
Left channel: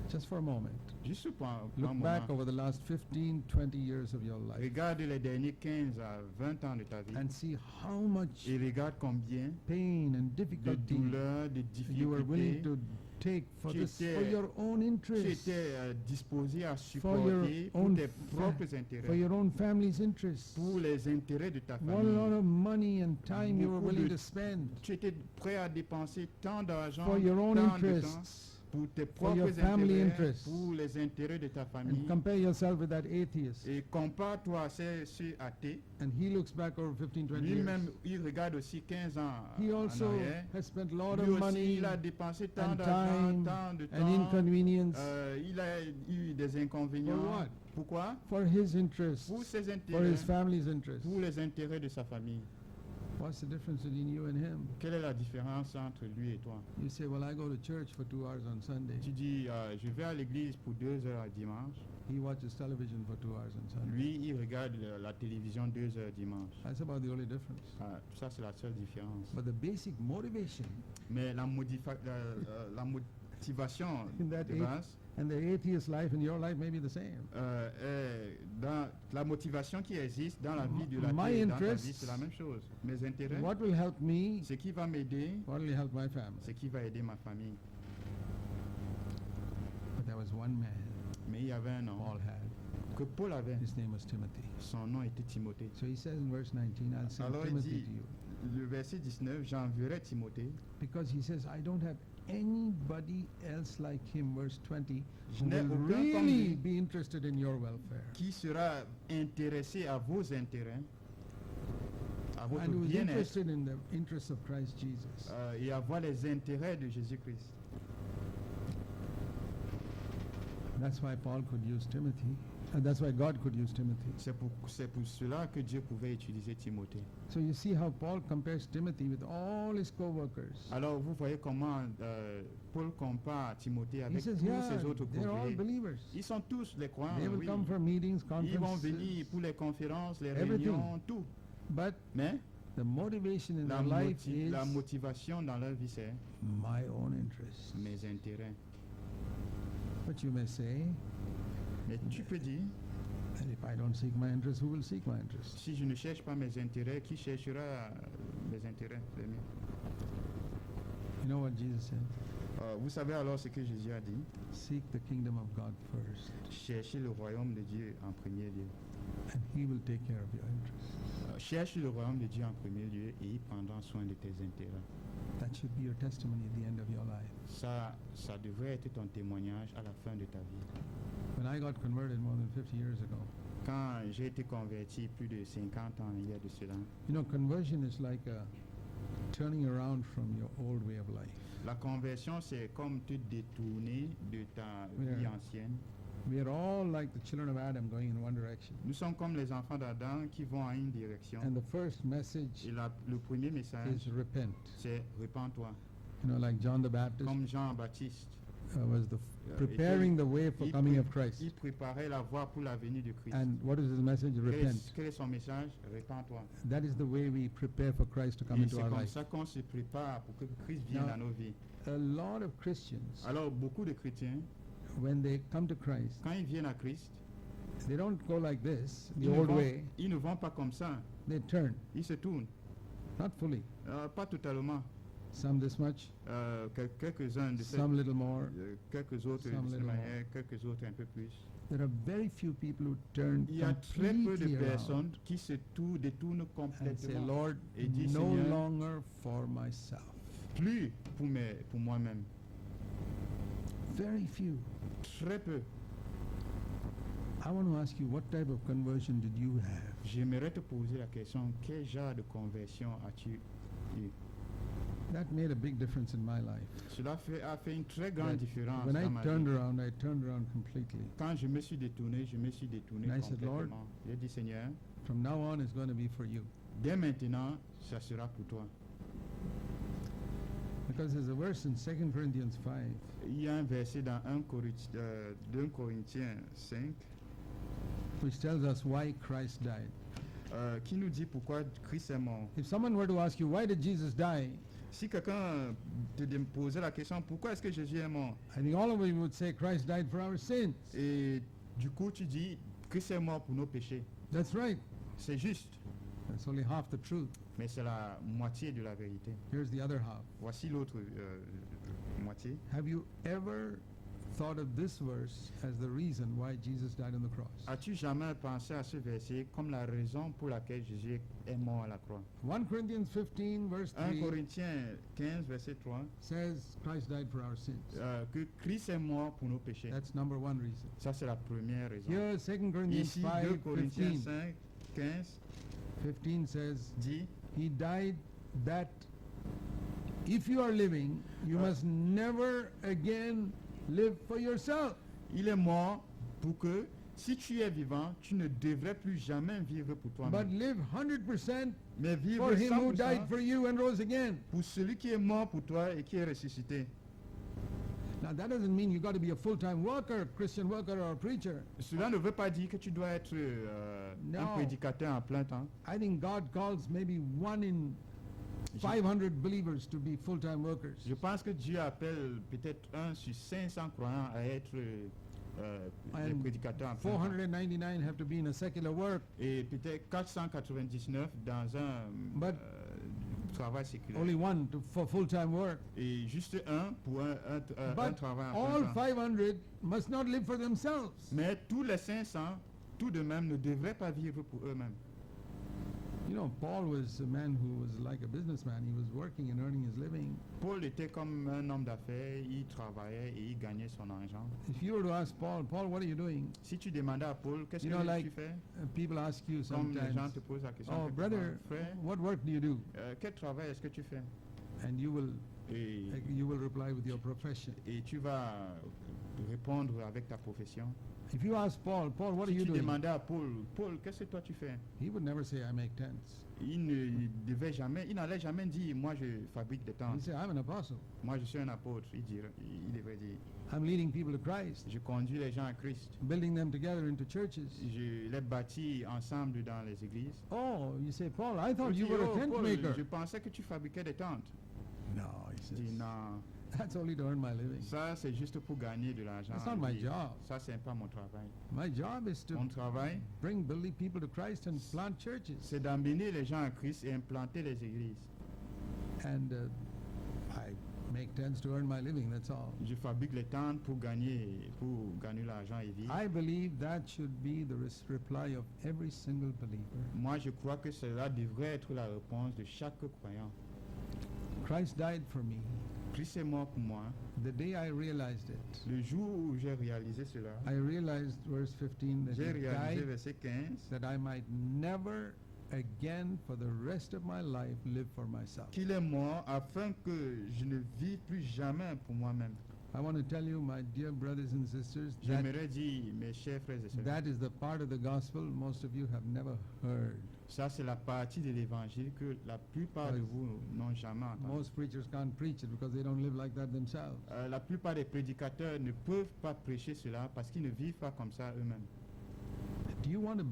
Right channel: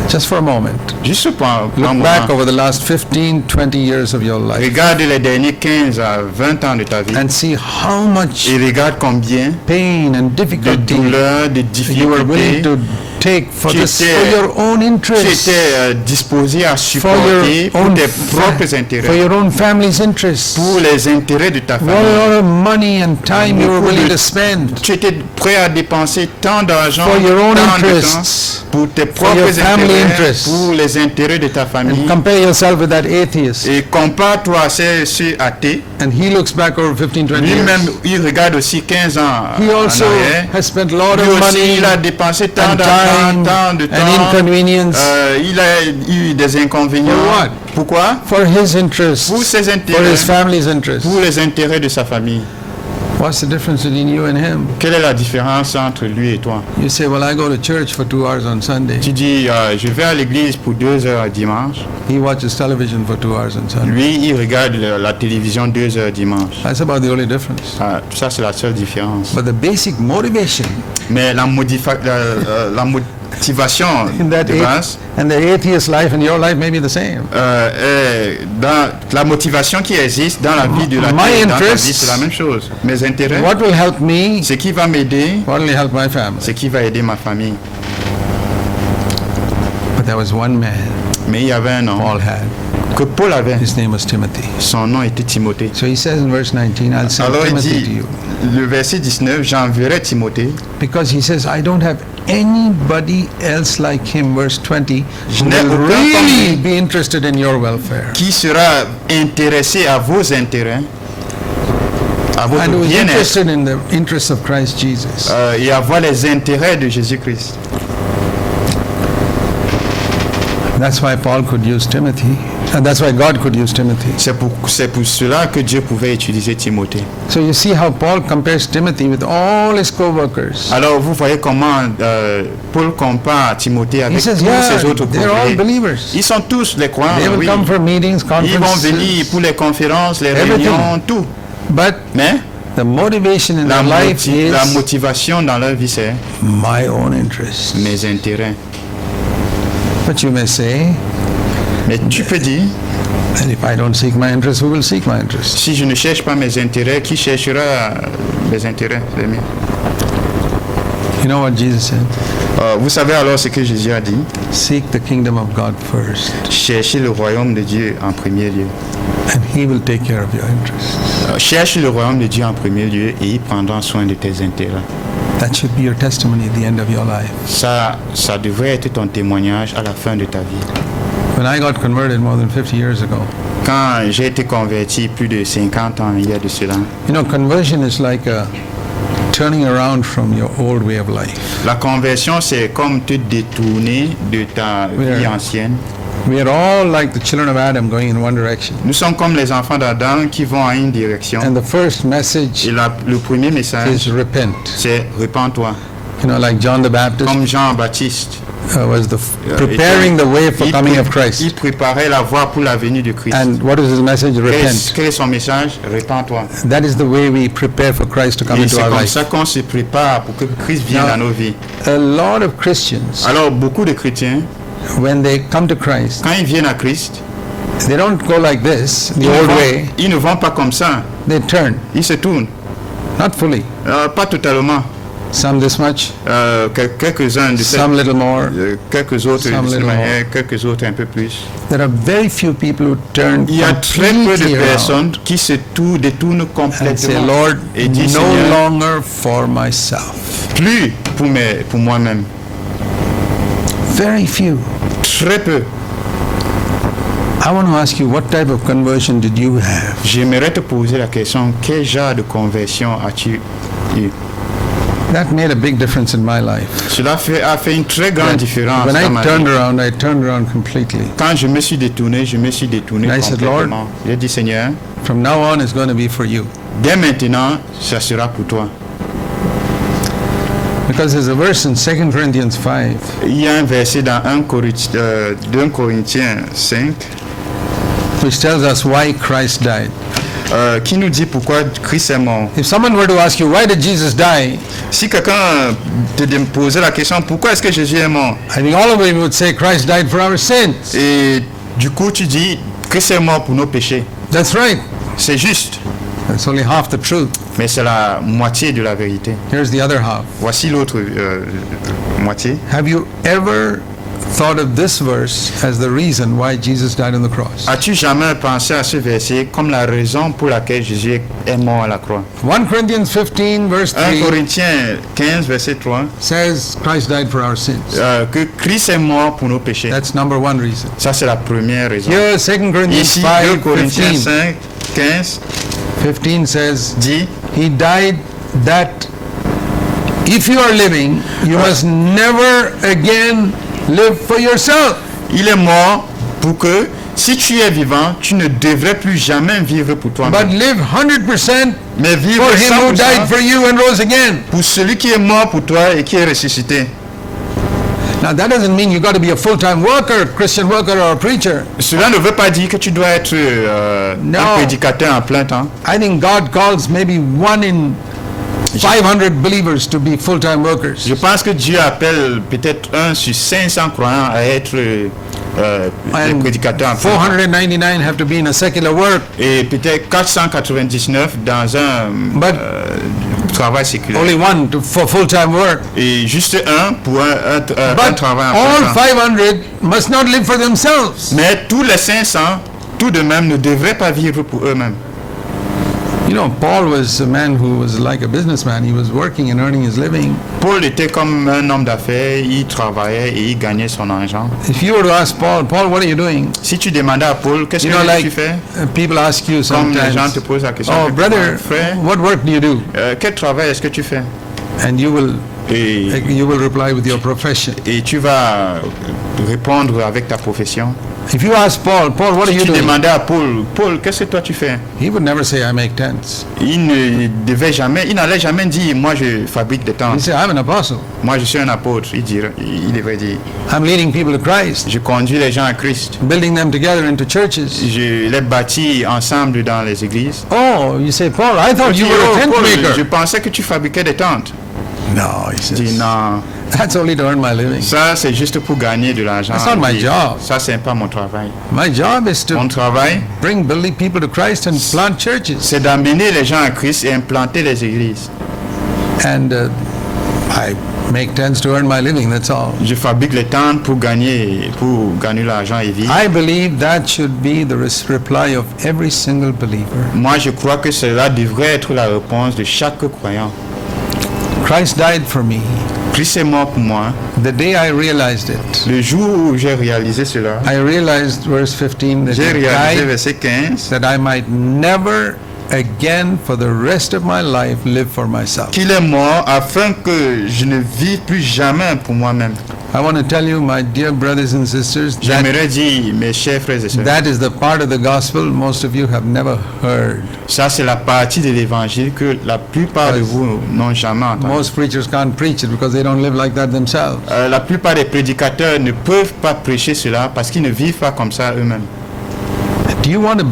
Just for a moment. Juste pour un Look back moment. over the last 15, 20 years of your life Regarde les derniers 15 à 20 ans de ta vie and see how much et regarde combien pain and de difficulty douleurs, de you were willing difficultés to take for Tu this, étais- for your own tu interests, étais disposé à for supporter your pour own, tes propres for intérêts, your own family's interests. pour les intérêts de ta What famille. a lot of money and time you were Beaucoup willing de- to spend Tu étais prêt à dépenser tant d'argent, for your own tant de interests, temps pour tes your propres family intérêts, interests. pour les intérêts de ta famille. and compare yourself with that atheist. Et compare-toi à ce athée. And he looks back over 15, 20 Lui-même, years. il regarde aussi 15 ans He en also arrière. has spent a lot Lui of aussi, money il a dépensé tant and d'argent, time tant de temps. and inconvenience Il a eu des inconvénients. For what? Pourquoi? for his interests, Pour ses for intérêts, his family's interests. pour les intérêts de sa famille. What's the difference between you and him? Quelle est la différence entre lui et toi? You say, well, I go to church for 2 hours on Sunday. Tu dis, je vais à l'église pour 2 heures dimanche. He watches television for 2 hours on Sunday. Lui, il regarde la télévision 2 heures dimanche. That's about the only difference. Ça, c'est la seule différence. But the basic motivation Mais la motivation in that de base, and the atheist life and your life may be the same. dans la motivation qui existe dans la vie de la My terre, dans ta vie, interests- c'est la même chose. Mes intérêts, What will help me? ce qui va m'aider, What will help my family? ce qui va aider ma famille. But there was one man Mais il y avait un nom Paul had. que Paul avait. His name was Timothy. Son nom était Timothée. So he says in verse 19, I'll send Alors il Timothy to dit, you. le verset 19, j'enverrai Timothée. Because he says, I don't have anybody else like him, verse 20, who n'ai will aucun really comme- be interested in your welfare. Qui sera intéressé à vos intérêts, à And votre who is bien-être interested in the interests of Christ Jesus. et à voir les intérêts de Jésus-Christ. That's why Paul could use Timothy. And that's why God could use Timothy. C'est pour cela que Dieu pouvait utiliser Timothée. So you see how Paul compares Timothy with all his co-workers. Alors vous voyez comment Paul compare Timothée He avec says, tous yeah, ces autres they're all couvriers. believers. Ils sont tous les croyants, They will oui. come for meetings, Ils vont conferences. venir pour les conférences, les Everything. réunions, tout. But Mais the motivation in their life la is motivation dans leur vie, c'est my own interests. mes intérêts. But you may say, Mais tu peux dire, And if I don't seek my interest, who will seek my interest? Si je ne cherche pas mes intérêts, qui cherchera mes intérêts, les miens? You know what Jesus said? Vous savez alors ce que Jésus a dit? Seek the kingdom of God first, Cherchez le royaume de Dieu en premier lieu. and He will take care of your interests. Cherche le royaume de Dieu en premier lieu et il prendra soin de tes intérêts. That should be your testimony at the end of your life. Ça devrait être ton témoignage à la fin de ta vie. When I got converted more than 50 years ago, Quand j'ai été converti plus de 50 ans il y a de cela, you know, conversion is like a turning around from your old way of life. la conversion c'est comme te détourner de ta vie Yeah. ancienne. We are all like the children of Adam going in one direction. Nous sommes comme les enfants d'Adam qui vont en une direction. And the first message Et le premier message, is repent. c'est repens-toi. You know, like John the Baptist Comme Jean-Baptiste. was preparing the way for coming of Il Christ. préparait la voie pour la venue de Christ. And what is his message? Repent. Quel est son message? Repens-toi. That is the way we prepare for Christ to come Et into c'est our comme life. ça qu'on se prépare pour que Christ vienne Now- dans nos vies. A lot of Christians, Alors, beaucoup de chrétiens, when they come to Christ, quand ils viennent à Christ, they don't go like this, the old way. ils ne vont pas comme ça. They turn, Ils se tournent. not fully. Pas totalement. Some this much, Quelques-uns de some little more. quelques autres some de cette little manière, quelques autres un peu plus. There are very few people who turn Il y a très peu completely de around personnes qui se détournent and say, complètement Lord, et disent no Seigneur, longer for myself. plus pour moi-même. Very few. Très peu. I want to ask you, what type of conversion did you have? J'aimerais te poser la question, quel genre de conversion as-tu eu? That made a big difference in my life. Cela a fait une très grande différence When dans ma I turned vie. around, I turned around completely. Quand je me suis détourné And I said, complètement. J'ai dit, Seigneur, From now on, it's going to be for you. dès maintenant, ça sera pour toi. Because there's a verse in 2 Corinthians 5 Il y a un verset dans 1 Corinthiens 5 which tells us why Christ died. qui nous dit pourquoi Christ est mort. If someone were to ask you, why did Jesus die? Si quelqu'un te posait la question, pourquoi est-ce que Jésus est mort? I think all of you would say Christ died for our sins. Et du coup, tu dis, Christ est mort pour nos péchés. That's right. C'est juste, That's only half the truth. mais c'est la moitié de la vérité. Here's the other half. Voici l'autre moitié. Have you ever thought of this verse as the reason why Jesus died on the cross? As-tu jamais pensé à ce verset comme la raison pour laquelle Jésus est mort à la croix? 1 Corinthians 15 verse 1 3 Corinthiens 15, verset 3, says Christ died for our sins. que Christ est mort pour nos péchés. That's number one reason. Ça, c'est la première raison. Here, 2 Corinthians Ici, 2 5 Corinthiens 15, 5, 15 15 says, dit, He died that if you are living, you must never again live for yourself. il est mort pour que, si tu es vivant, tu ne devrais plus jamais vivre pour But toi-même. live 100% Mais vivre for him who 100% died for you and rose again. pour celui qui est mort pour toi et qui est ressuscité. Now that doesn't mean you got to be a full-time worker, Christian worker or a preacher. Cela ne veut pas dire que tu dois être Non. un prédicateur en plein temps. I think God calls maybe 1 in 500 believers to be full-time workers. Je pense que Dieu appelle peut-être 1 sur 500 croyants à être des And prédicateurs en plein temps. 499 have to be in a secular work. Et peut-être 499 dans un But travail séculaire. only one for full-time work. Et juste un pour un But travail en all plein temps. 500 must not live for themselves. Mais tous les 500, tout de même, ne devraient pas vivre pour eux-mêmes. You know, Paul was a man who was like a businessman. He was working and earning his living. Paul était comme un homme d'affaires, il travaillait et il gagnait son argent. If you were to ask Paul, Paul, what are you doing? Si tu demandais à Paul, qu'est-ce You que know, like tu fais? people ask you Comme les gens te sometimes, posent la question, oh, brother, frère, what work do you do? quel travail est-ce que tu fais? And you will Et reply with your profession. tu vas répondre avec ta profession. If you ask Paul, Paul, what are Si you tu doing? demandais à Paul, Paul, qu'est-ce que toi tu fais? He would never say, I make tents. Il n'allait jamais dire, moi je fabrique des He'd tentes. say, I'm an apostle. Moi je suis un apôtre. Il devrait dire, I'm leading people to Christ, je conduis les gens à Christ. building them together into churches. Je les bâtis ensemble dans les églises. Oh, you say, Paul, I thought Tu you dis, were oh, a tent Paul, je maker. pensais que tu fabriquais des tentes. No, he Je dis, says, non, That's only to earn my living. Ça, c'est juste pour gagner de l'argent. That's not my Et job. Ça, c'est pas mon travail. My job is Mon to travail, bring building people to Christ and plant churches. c'est d'amener les gens à Christ et implanter les églises. And I make tents to earn my living, that's all. Je fabrique les tentes pour gagner l'argent et vivre. I believe that should be the reply of every single believer. Moi, je crois que cela devrait être la réponse de chaque croyant. Christ died for me. Christ est mort pour moi. The day I realized it, Le jour où j'ai réalisé cela, I realized, verse 15, that j'ai he réalisé died verset 15 that I might never again for the rest of my life live for myself. qu'il est mort afin que je ne vive plus jamais pour moi-même. I want to tell you, my dear brothers and sisters, that, J'aimerais dire, mes chers frères et sœurs, that is the part of the gospel most of you have never heard. ça c'est la partie de l'évangile que la plupart de vous n'ont jamais entendu. Most preachers can't preach it because they don't live like that themselves. La plupart des prédicateurs ne peuvent pas prêcher cela parce qu'ils ne vivent pas comme ça eux-mêmes. Do you want to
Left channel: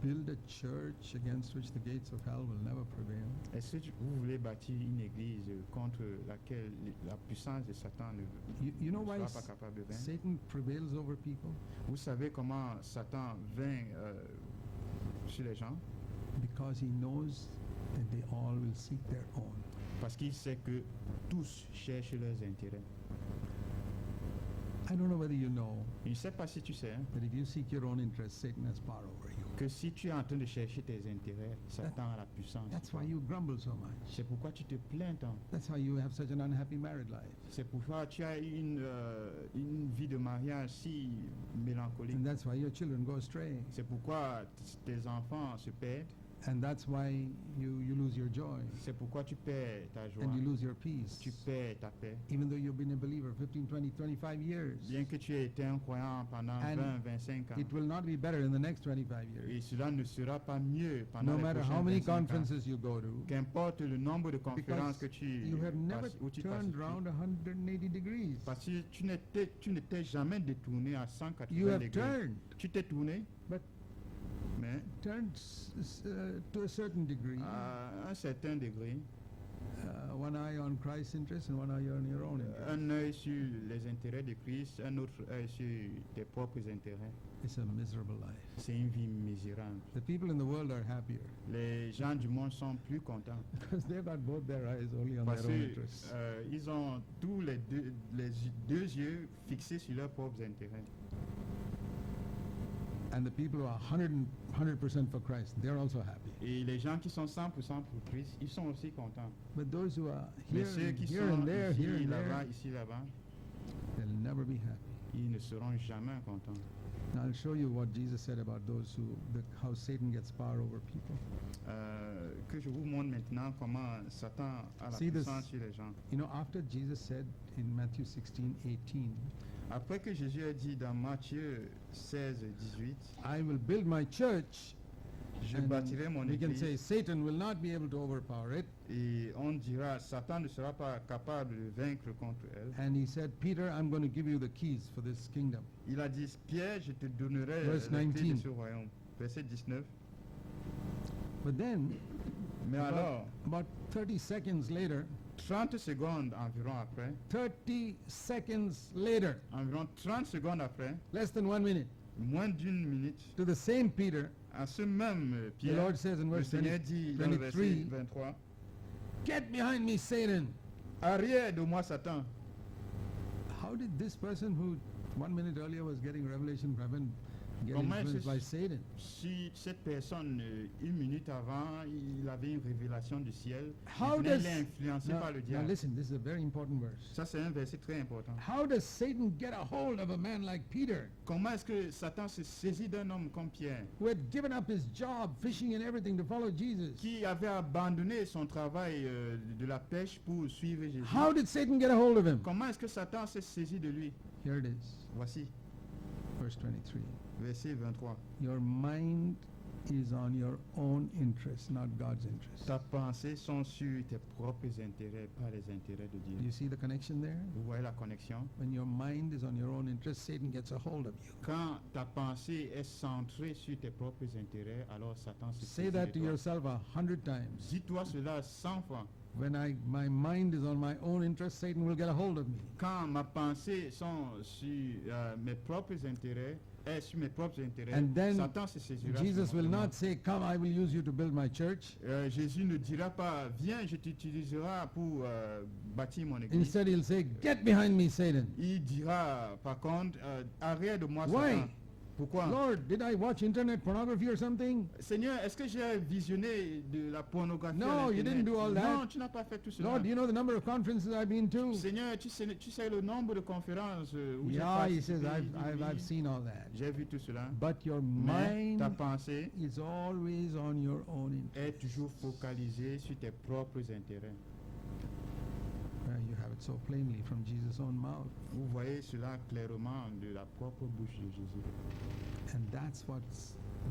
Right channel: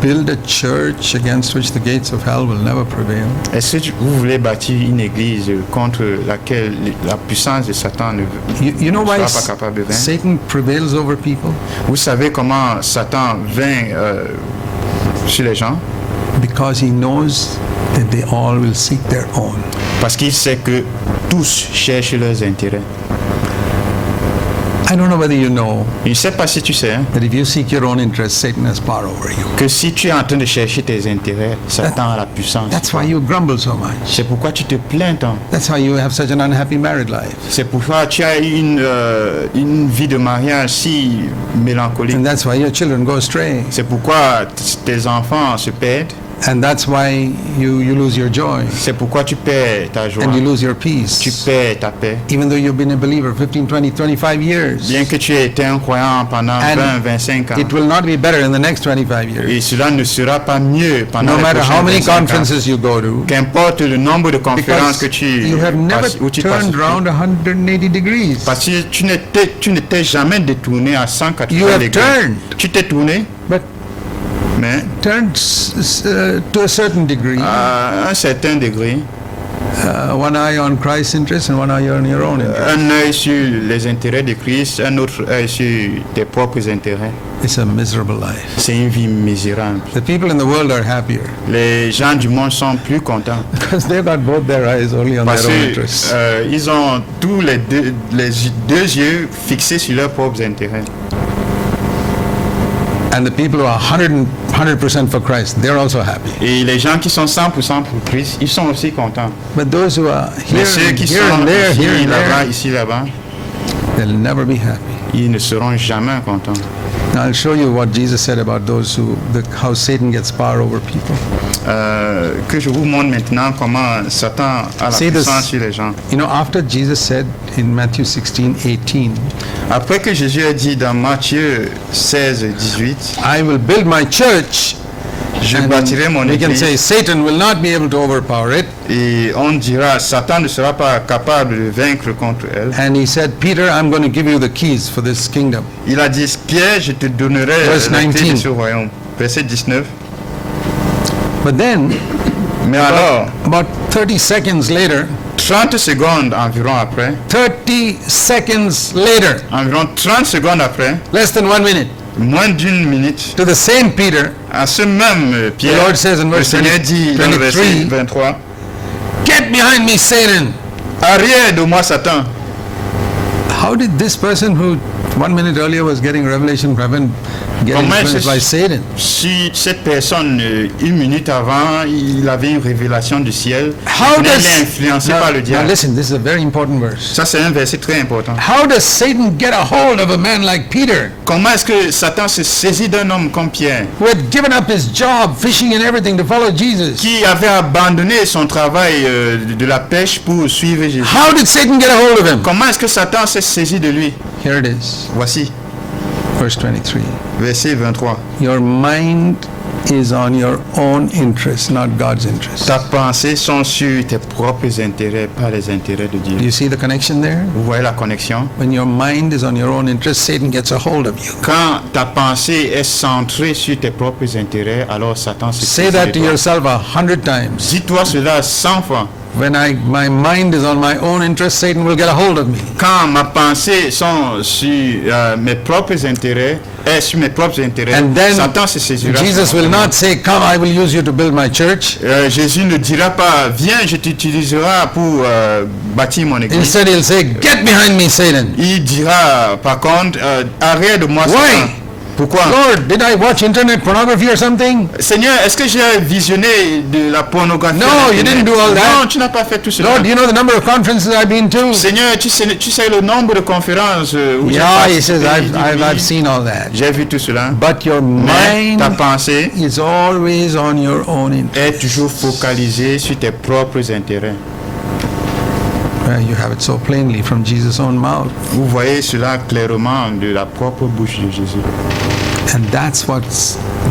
build a church against which the gates of hell will never prevail? Est-ce que vous voulez bâtir une église contre laquelle la puissance de Satan ne You know why sera pas capable de vaincre? Satan prevails over people? Vous savez comment Satan vainc sur les gens? Because he knows that they all will seek their own. Parce qu'il sait que tous cherchent leurs intérêts. I don't know whether you know Je ne sais pas si tu sais hein, that if you seek your own interest, Satan has power over you. que si tu es en train de chercher tes intérêts, Satan a la puissance. That's why you grumble so much. C'est pourquoi tu te plains tant. That's why you have such an unhappy married life. C'est pourquoi tu as une vie de mariage si mélancolique. And that's why your children go astray. C'est pourquoi tes enfants se perdent. And that's why you lose your joy. C'est pourquoi tu perds ta joie. And you lose your Tu peace. perds ta paix. Even though you've been a believer 15, 20, 25 years. Bien que tu aies été un croyant pendant And 20, 25 ans. it will not be better in the next 25 years. Et cela ne sera pas mieux pendant No les matter prochains how many 25 ans. conferences you go to. Qu'importe le nombre de conférences que Because you have never où tu passes. turned around 180 degrees. Parce que tu ne t'es jamais détourné à 180 You have degrés. turned. Tu t'es tourné, But mais turned to a certain degree. à un certain degré. One eye on Christ's interest and one eye on your own interest. Un œil sur les intérêts de Christ, un autre œil sur tes propres intérêts. It's a miserable life. C'est une vie misérable. The people in the world are happier Les gens du monde sont plus contents because they've got both their eyes only on parce their own interests. qu'ils ont tous les deux yeux fixés sur leurs propres intérêts. And the people who are 100% for Christ, they're also happy. Et les gens qui sont 100% pour Christ, ils sont aussi contents. But those who are Mais here, ceux qui here sont and there, here ici, and là-bas, there, ici, là-bas, they'll never be happy. ils ne seront jamais contents. Now I'll show you what Jesus said about those how Satan gets power over people. Que je vous montre maintenant comment Satan a la See this- puissance sur les gens. You know, after Jesus said in Matthew 16:18, Après que Jésus a dit dans Matthieu 16, 18, I will build my church, je and bâtirai mon we can église, say Satan will not be able to overpower it. et on dira, Satan ne sera pas capable de vaincre contre elle. And he said, Peter, I'm going to give you the keys for this kingdom. Il a dit, Pierre, je te donnerai Verse la clé 19. de ce royaume. Verset 19. But then, Mais alors, about 30 seconds later, 30 secondes environ après, 30 seconds later, environ 30 secondes après, less than 1 minute, moins d'une minute, to the same Peter, à ce même the Pierre, Lord says in le verse Seigneur dit dans le verset 23, 23, get behind me, Satan. arrière de moi Satan. How did this person who 1 minute earlier was getting revelation from heaven get Comment influenced est-ce- by Satan? Si cette personne, une minute avant, il avait une révélation du ciel, How il est does influencé par le now diable. listen, this is a very important verse. Ça, c'est un verset très important. How does Satan get a hold of a man like Peter, Comment est-ce que Satan se saisit d'un homme comme Pierre, who had given up his job, fishing and everything, to follow Jesus? qui avait abandonné son travail de la pêche pour suivre Jésus? How did Satan get a hold of him? Comment est-ce que Satan s'est saisi de lui? Here it is, Voici, verse 23. verset 23. Your mind is on your own interest, not God's interest. Ta pensée sont sur tes propres intérêts, pas les intérêts de Dieu. Do you see the connection there? Vous voyez la connexion? When your mind is on your own interest, Satan gets a hold of you. Quand ta pensée est centrée sur tes propres intérêts, alors Satan se Say saisit that de to toi. yourself 100 times. Dis-toi cela 100 fois. when my mind is on my own interest, Satan will get a hold of me. Quand ma pensée sont sur mes propres intérêts, sur mes propres intérêts, And then Satan se saisira. Jesus will not say, come, I will use you to build my church. Jésus ne dira pas, viens, je t'utiliserai pour bâtir mon église. Instead, he'll say, get behind me, Satan. Il dira, par contre, arrête de moi, Why? Satan. Pourquoi? Lord, did I watch internet pornography or something? Seigneur, est-ce que j'ai visionné de la pornographie? No, à you Internet? didn't do all that. Non, tu n'as pas fait tout cela. Lord, do you know the number of conferences I've been to? Seigneur, tu sais le nombre de conférences où j'ai Yeah, he participé. says, Il dit, I've oui, seen all that. j'ai vu tout cela. But your Mais ta mind pensée is always on your own interest. est toujours focalisée sur tes propres intérêts. You have it so plainly from Jesus' own mouth. Vous voyez cela clairement de la propre bouche de Jésus. And that's what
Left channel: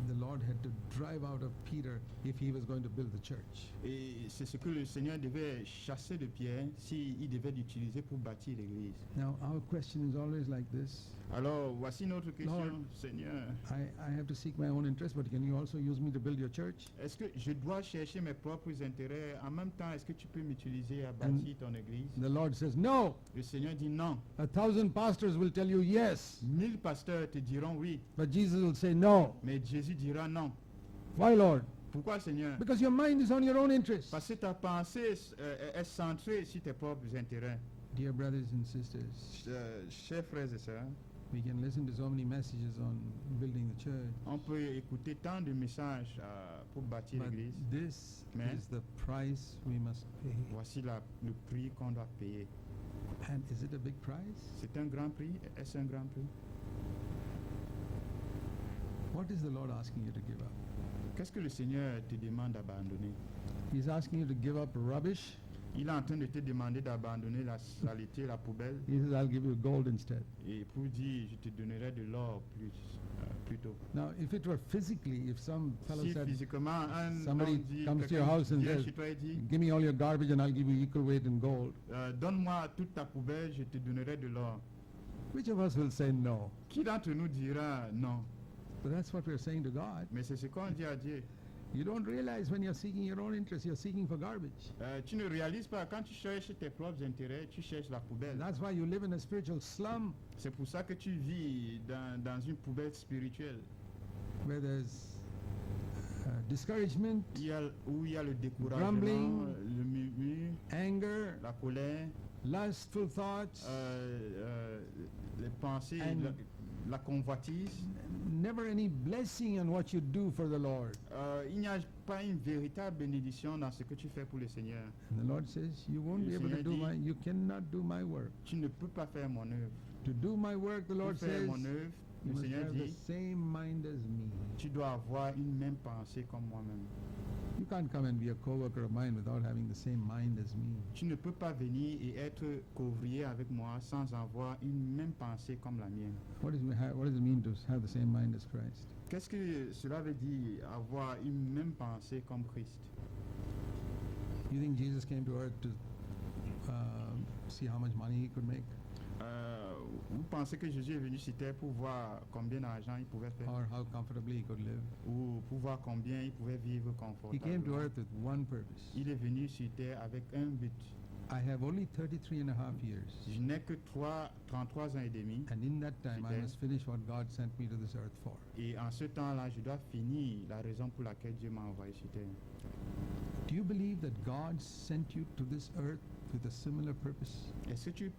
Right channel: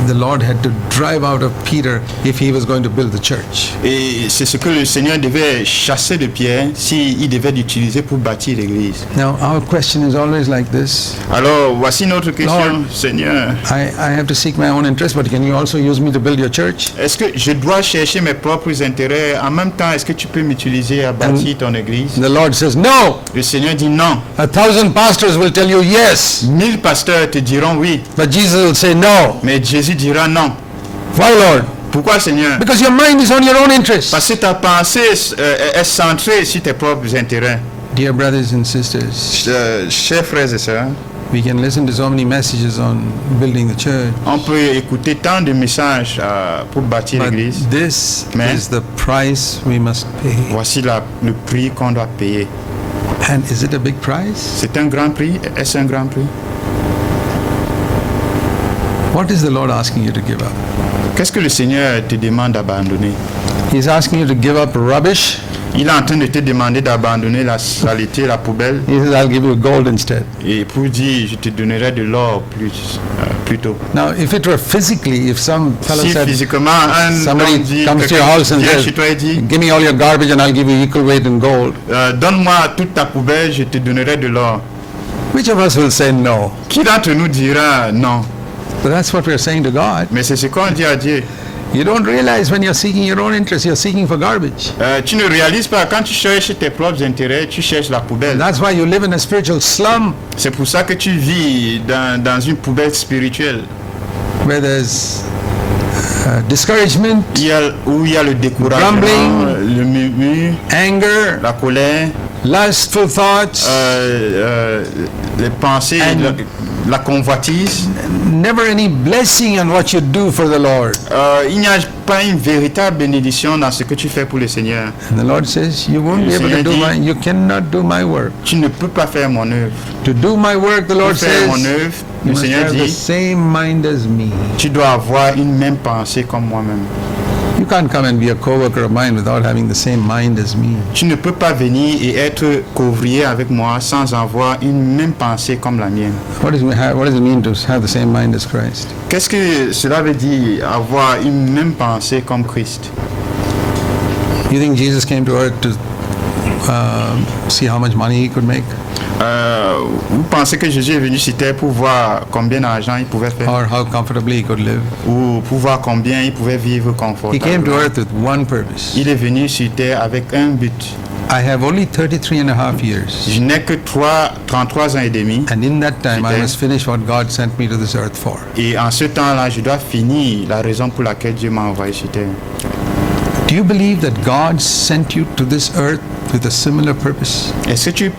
the Lord had to drive out of Peter if he was going to build the church. Et c'est ce que le Seigneur devait chasser de Pierre s'il devait l'utiliser pour bâtir l'église. Now, our question is always like this. Alors, voici notre question, Lord, Seigneur. I have to seek my own interest, but can you also use me to build your church? Est-ce que je dois chercher mes propres intérêts? En même temps, est-ce que tu peux m'utiliser à bâtir ton église? The Lord says, no. Le Seigneur dit non. 1,000 pastors will tell you yes, 1000 pasteurs te diront oui, but Jesus will say no. mais Jésus dira non. Why, Lord? Pourquoi, Seigneur? Because your mind is on your own interest. Parce que ta pensée est centrée sur tes propres intérêts. Dear brothers and sisters, Chers frères et sœurs, we can listen to so many messages on building the church, on peut écouter tant de messages pour bâtir but l'église. this Mais- is the price we must pay. Voici le prix qu'on doit payer. And is it a big price? C'est un grand prix? Est-ce un grand prix? What is the Lord asking you to give up? Qu'est-ce que le Seigneur te demande d'abandonner? He's asking you to give up rubbish. Il est en train de te demander d'abandonner la saleté, la poubelle, He says, I'll give you gold instead. et pour dire, je te donnerai de l'or plus tôt. Now, if it were physically, if some fellow Si said, physiquement, un somebody homme dit, comes to your quelqu'un house and vient says, chez toi et dit, give me all your garbage and I'll give you equal weight in gold, donne-moi toute ta poubelle, je te donnerai de l'or. which of us will say no? Qui d'entre nous dira non? But that's what we're saying to God. Mais c'est ce qu'on dit à Dieu. You don't realize when you're seeking your own interest, you're seeking for garbage. Tu ne réalises pas, quand tu cherches tes propres intérêts, tu cherches la poubelle. That's why you live in a spiritual slum C'est pour ça que tu vis dans une poubelle spirituelle. where there's discouragement, Où il y a le découragement, Grumbling. le murmure, anger, la colère, lustful thoughts, les pensées, And- la convoitise. never any blessing on what you do for the Lord. Il n'y a pas une véritable bénédiction dans ce que tu fais pour le Seigneur. And the Lord says, you won't be able to do my, you cannot do my work. Tu ne peux pas faire mon œuvre. To do my work, the Pour Lord faire mon says, œuvre, you le must Seigneur have the dit, same mind as me. tu dois avoir une même pensée comme moi-même. You can't come and be a co-worker of mine without having the same mind as me. Tu ne peux pas venir et être couvrier avec moi sans avoir une même pensée comme la mienne. What does it mean to have the same mind as Christ? Qu'est-ce que cela veut dire, avoir une même pensée comme Christ? You think Jesus came to earth to see how much money he could make? Vous pensez que Jésus est venu sur terre pour voir combien d'argent il pouvait faire Or how comfortably he could live? ou pour voir combien il pouvait vivre He came to confortablement? earth with one purpose. Il est venu sur terre avec un but. I have only 33 and a half years. Je n'ai que 33 ans et demi, And in that time, I C'était- must finish what God sent me to this earth for. et en ce temps-là, je dois finir la raison pour laquelle Dieu m'a envoyé sur terre. Do you believe that God sent you to this earth with a similar purpose? Est-ce que tu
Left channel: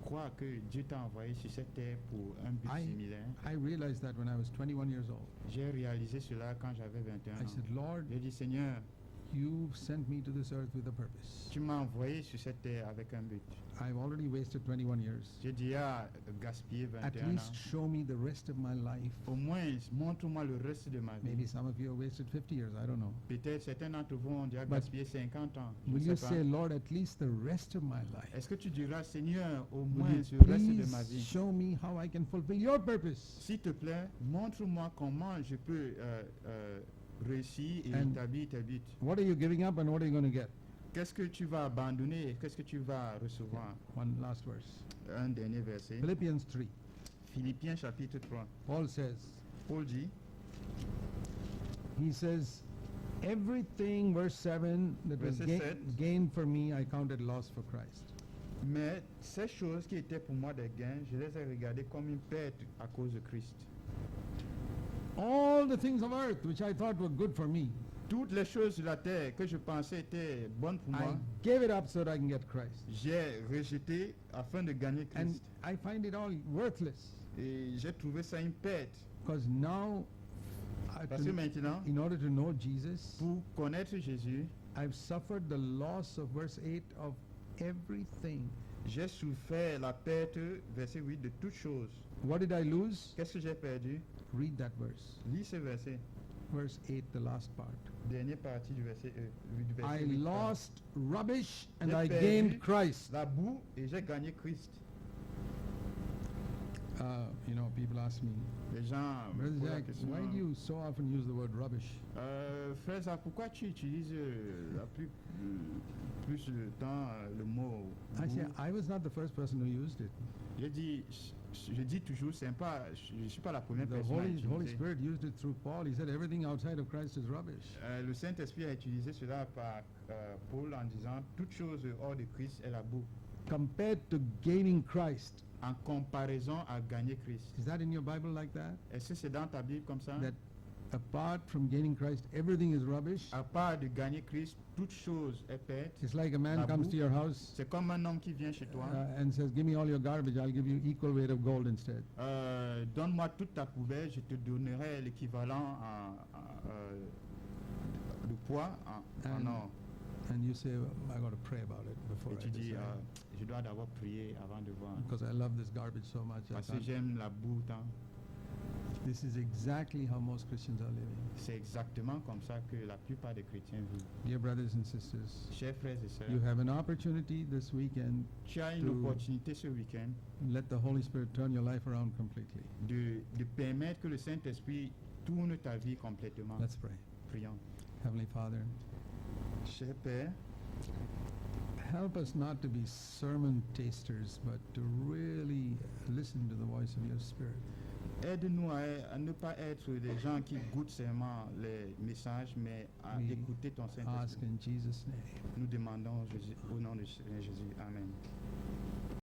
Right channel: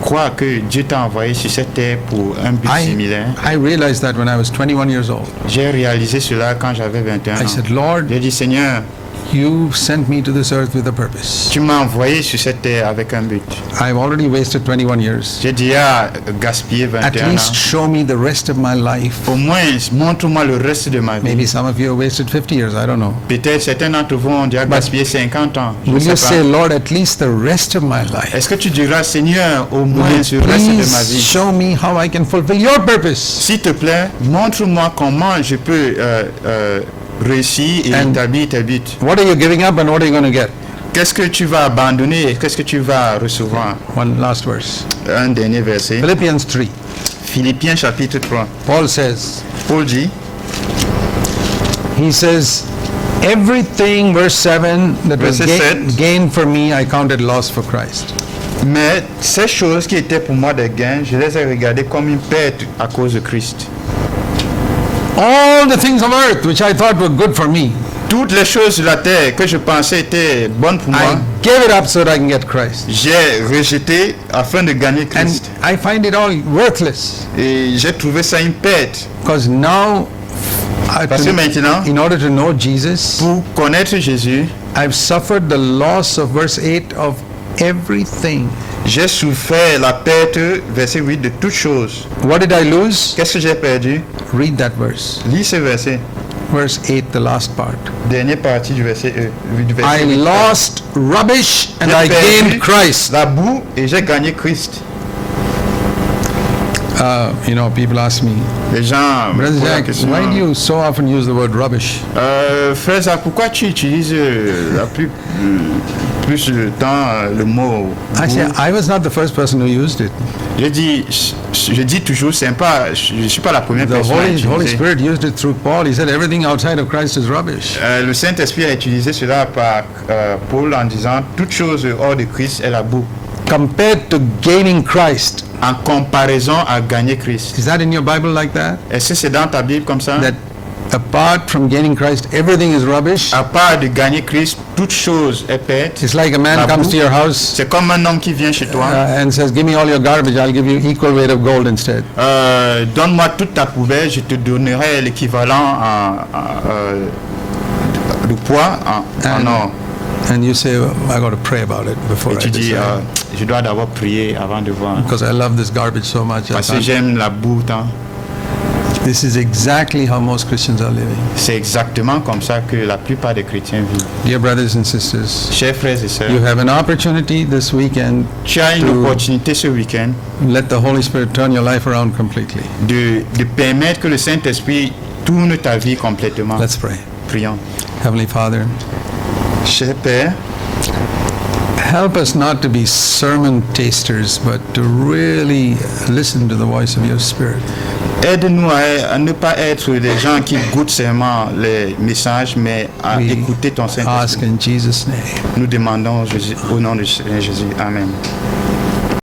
crois que Dieu t'a envoyé sur cette terre pour un but similaire? I realized that when I was 21 years old. J'ai réalisé cela quand j'avais 21 I ans. said, Lord, J'ai dit, Seigneur, you sent me to this earth with a purpose. tu m'as envoyé sur cette terre avec un but. I've already wasted 21 years. J'ai déjà gaspillé At 21 least ans. show me the rest of my life. Au moins, montre-moi le reste de ma Maybe vie. some of you have wasted 50 years, I don't know. Peut-être certains d'entre vous ont déjà gaspillé 50 ans. Je ne Will you sais say, pas. Lord, at least the rest of my life? Est-ce que tu diras, Seigneur, au moins Will le you reste de ma please vie? show me how I can fulfill your purpose? S'il te plaît, montre-moi comment je peux réussir et And- établir tes buts. What are you giving up and what are you going to get? Qu'est-ce que tu vas abandonner et qu'est-ce que tu vas recevoir? One last verse. Un dernier verset. Philippians 3. Philippiens chapitre 3. Paul says, Paul dit, he says, Everything, verse 7, that was Verset 7. gained for me, I counted loss for Christ. Mais ces choses qui étaient pour moi des gains, je les ai regardées comme une perte à cause de Christ. All the things of earth, which I thought were good for me, Toutes les choses de la terre que je pensais étaient bonnes pour I moi, gave it up so that I can get Christ. j'ai rejeté afin de gagner And Christ. I find it all worthless. Et j'ai trouvé ça une perte. Because now, Parce que maintenant, in order to know Jesus, pour connaître Jésus, I've suffered the loss of verse 8 of everything. j'ai souffert la perte, verset 8, de toutes choses. What did I lose? Qu'est-ce que j'ai perdu? Read that verse. Lis ce verset. Verse 8, the last part. Dernière partie du verset, du I verset 8. lost rubbish and J'ai I perdu gained Christ. la boue et j'ai gagné Christ. You know, people ask me, Les gens me Brother posent la Jack, question, why do you so often use the word rubbish? Frère Zach, pourquoi tu utilises plus de temps le mot I boue? say, I was not the first person who used it. Je dis toujours, je ne suis pas la première The personne à Holy utiliser. Spirit used it through Paul. He said everything outside of Christ is rubbish. Le Saint-Esprit a utilisé cela par Paul en disant toute chose hors de Christ est la boue. Compared to gaining Christ. En comparaison à gagner Christ. Is that in your Bible like that? Est-ce que c'est dans ta Bible comme ça? That apart from gaining Christ, everything is rubbish? À part de gagner Christ, toute chose est perte. It's like a man La comes boue. to your house C'est comme un homme qui vient chez toi. and says, give me all your garbage, I'll give you equal weight of gold instead. Donne-moi toute ta poubelle, je te donnerai l'équivalent de poids en or. And you say, I got to pray about it before Et I tu dis, decide. je dois d'abord prier avant de voir. Because I love this garbage so much. I Parce que can't- j'aime la boue tant. This is exactly how most Christians are living. C'est exactement comme ça que la plupart des chrétiens vivent. Dear brothers and sisters, Chers frères et sœurs, you have an opportunity this weekend tu as une to opportunité ce week-end let the Holy Spirit turn your life around completely. de permettre que le Saint-Esprit tourne ta vie complètement. Let's pray. Prions. Heavenly Father, Cher Père, help us not to be sermon tasters, but to really listen to the voice of your Spirit. aide-nous à ne pas être des gens qui goûtent seulement les messages, mais à We écouter ton ask Saint-Esprit. in Jesus' name. Nous demandons au nom de Seigneur Jésus. Amen.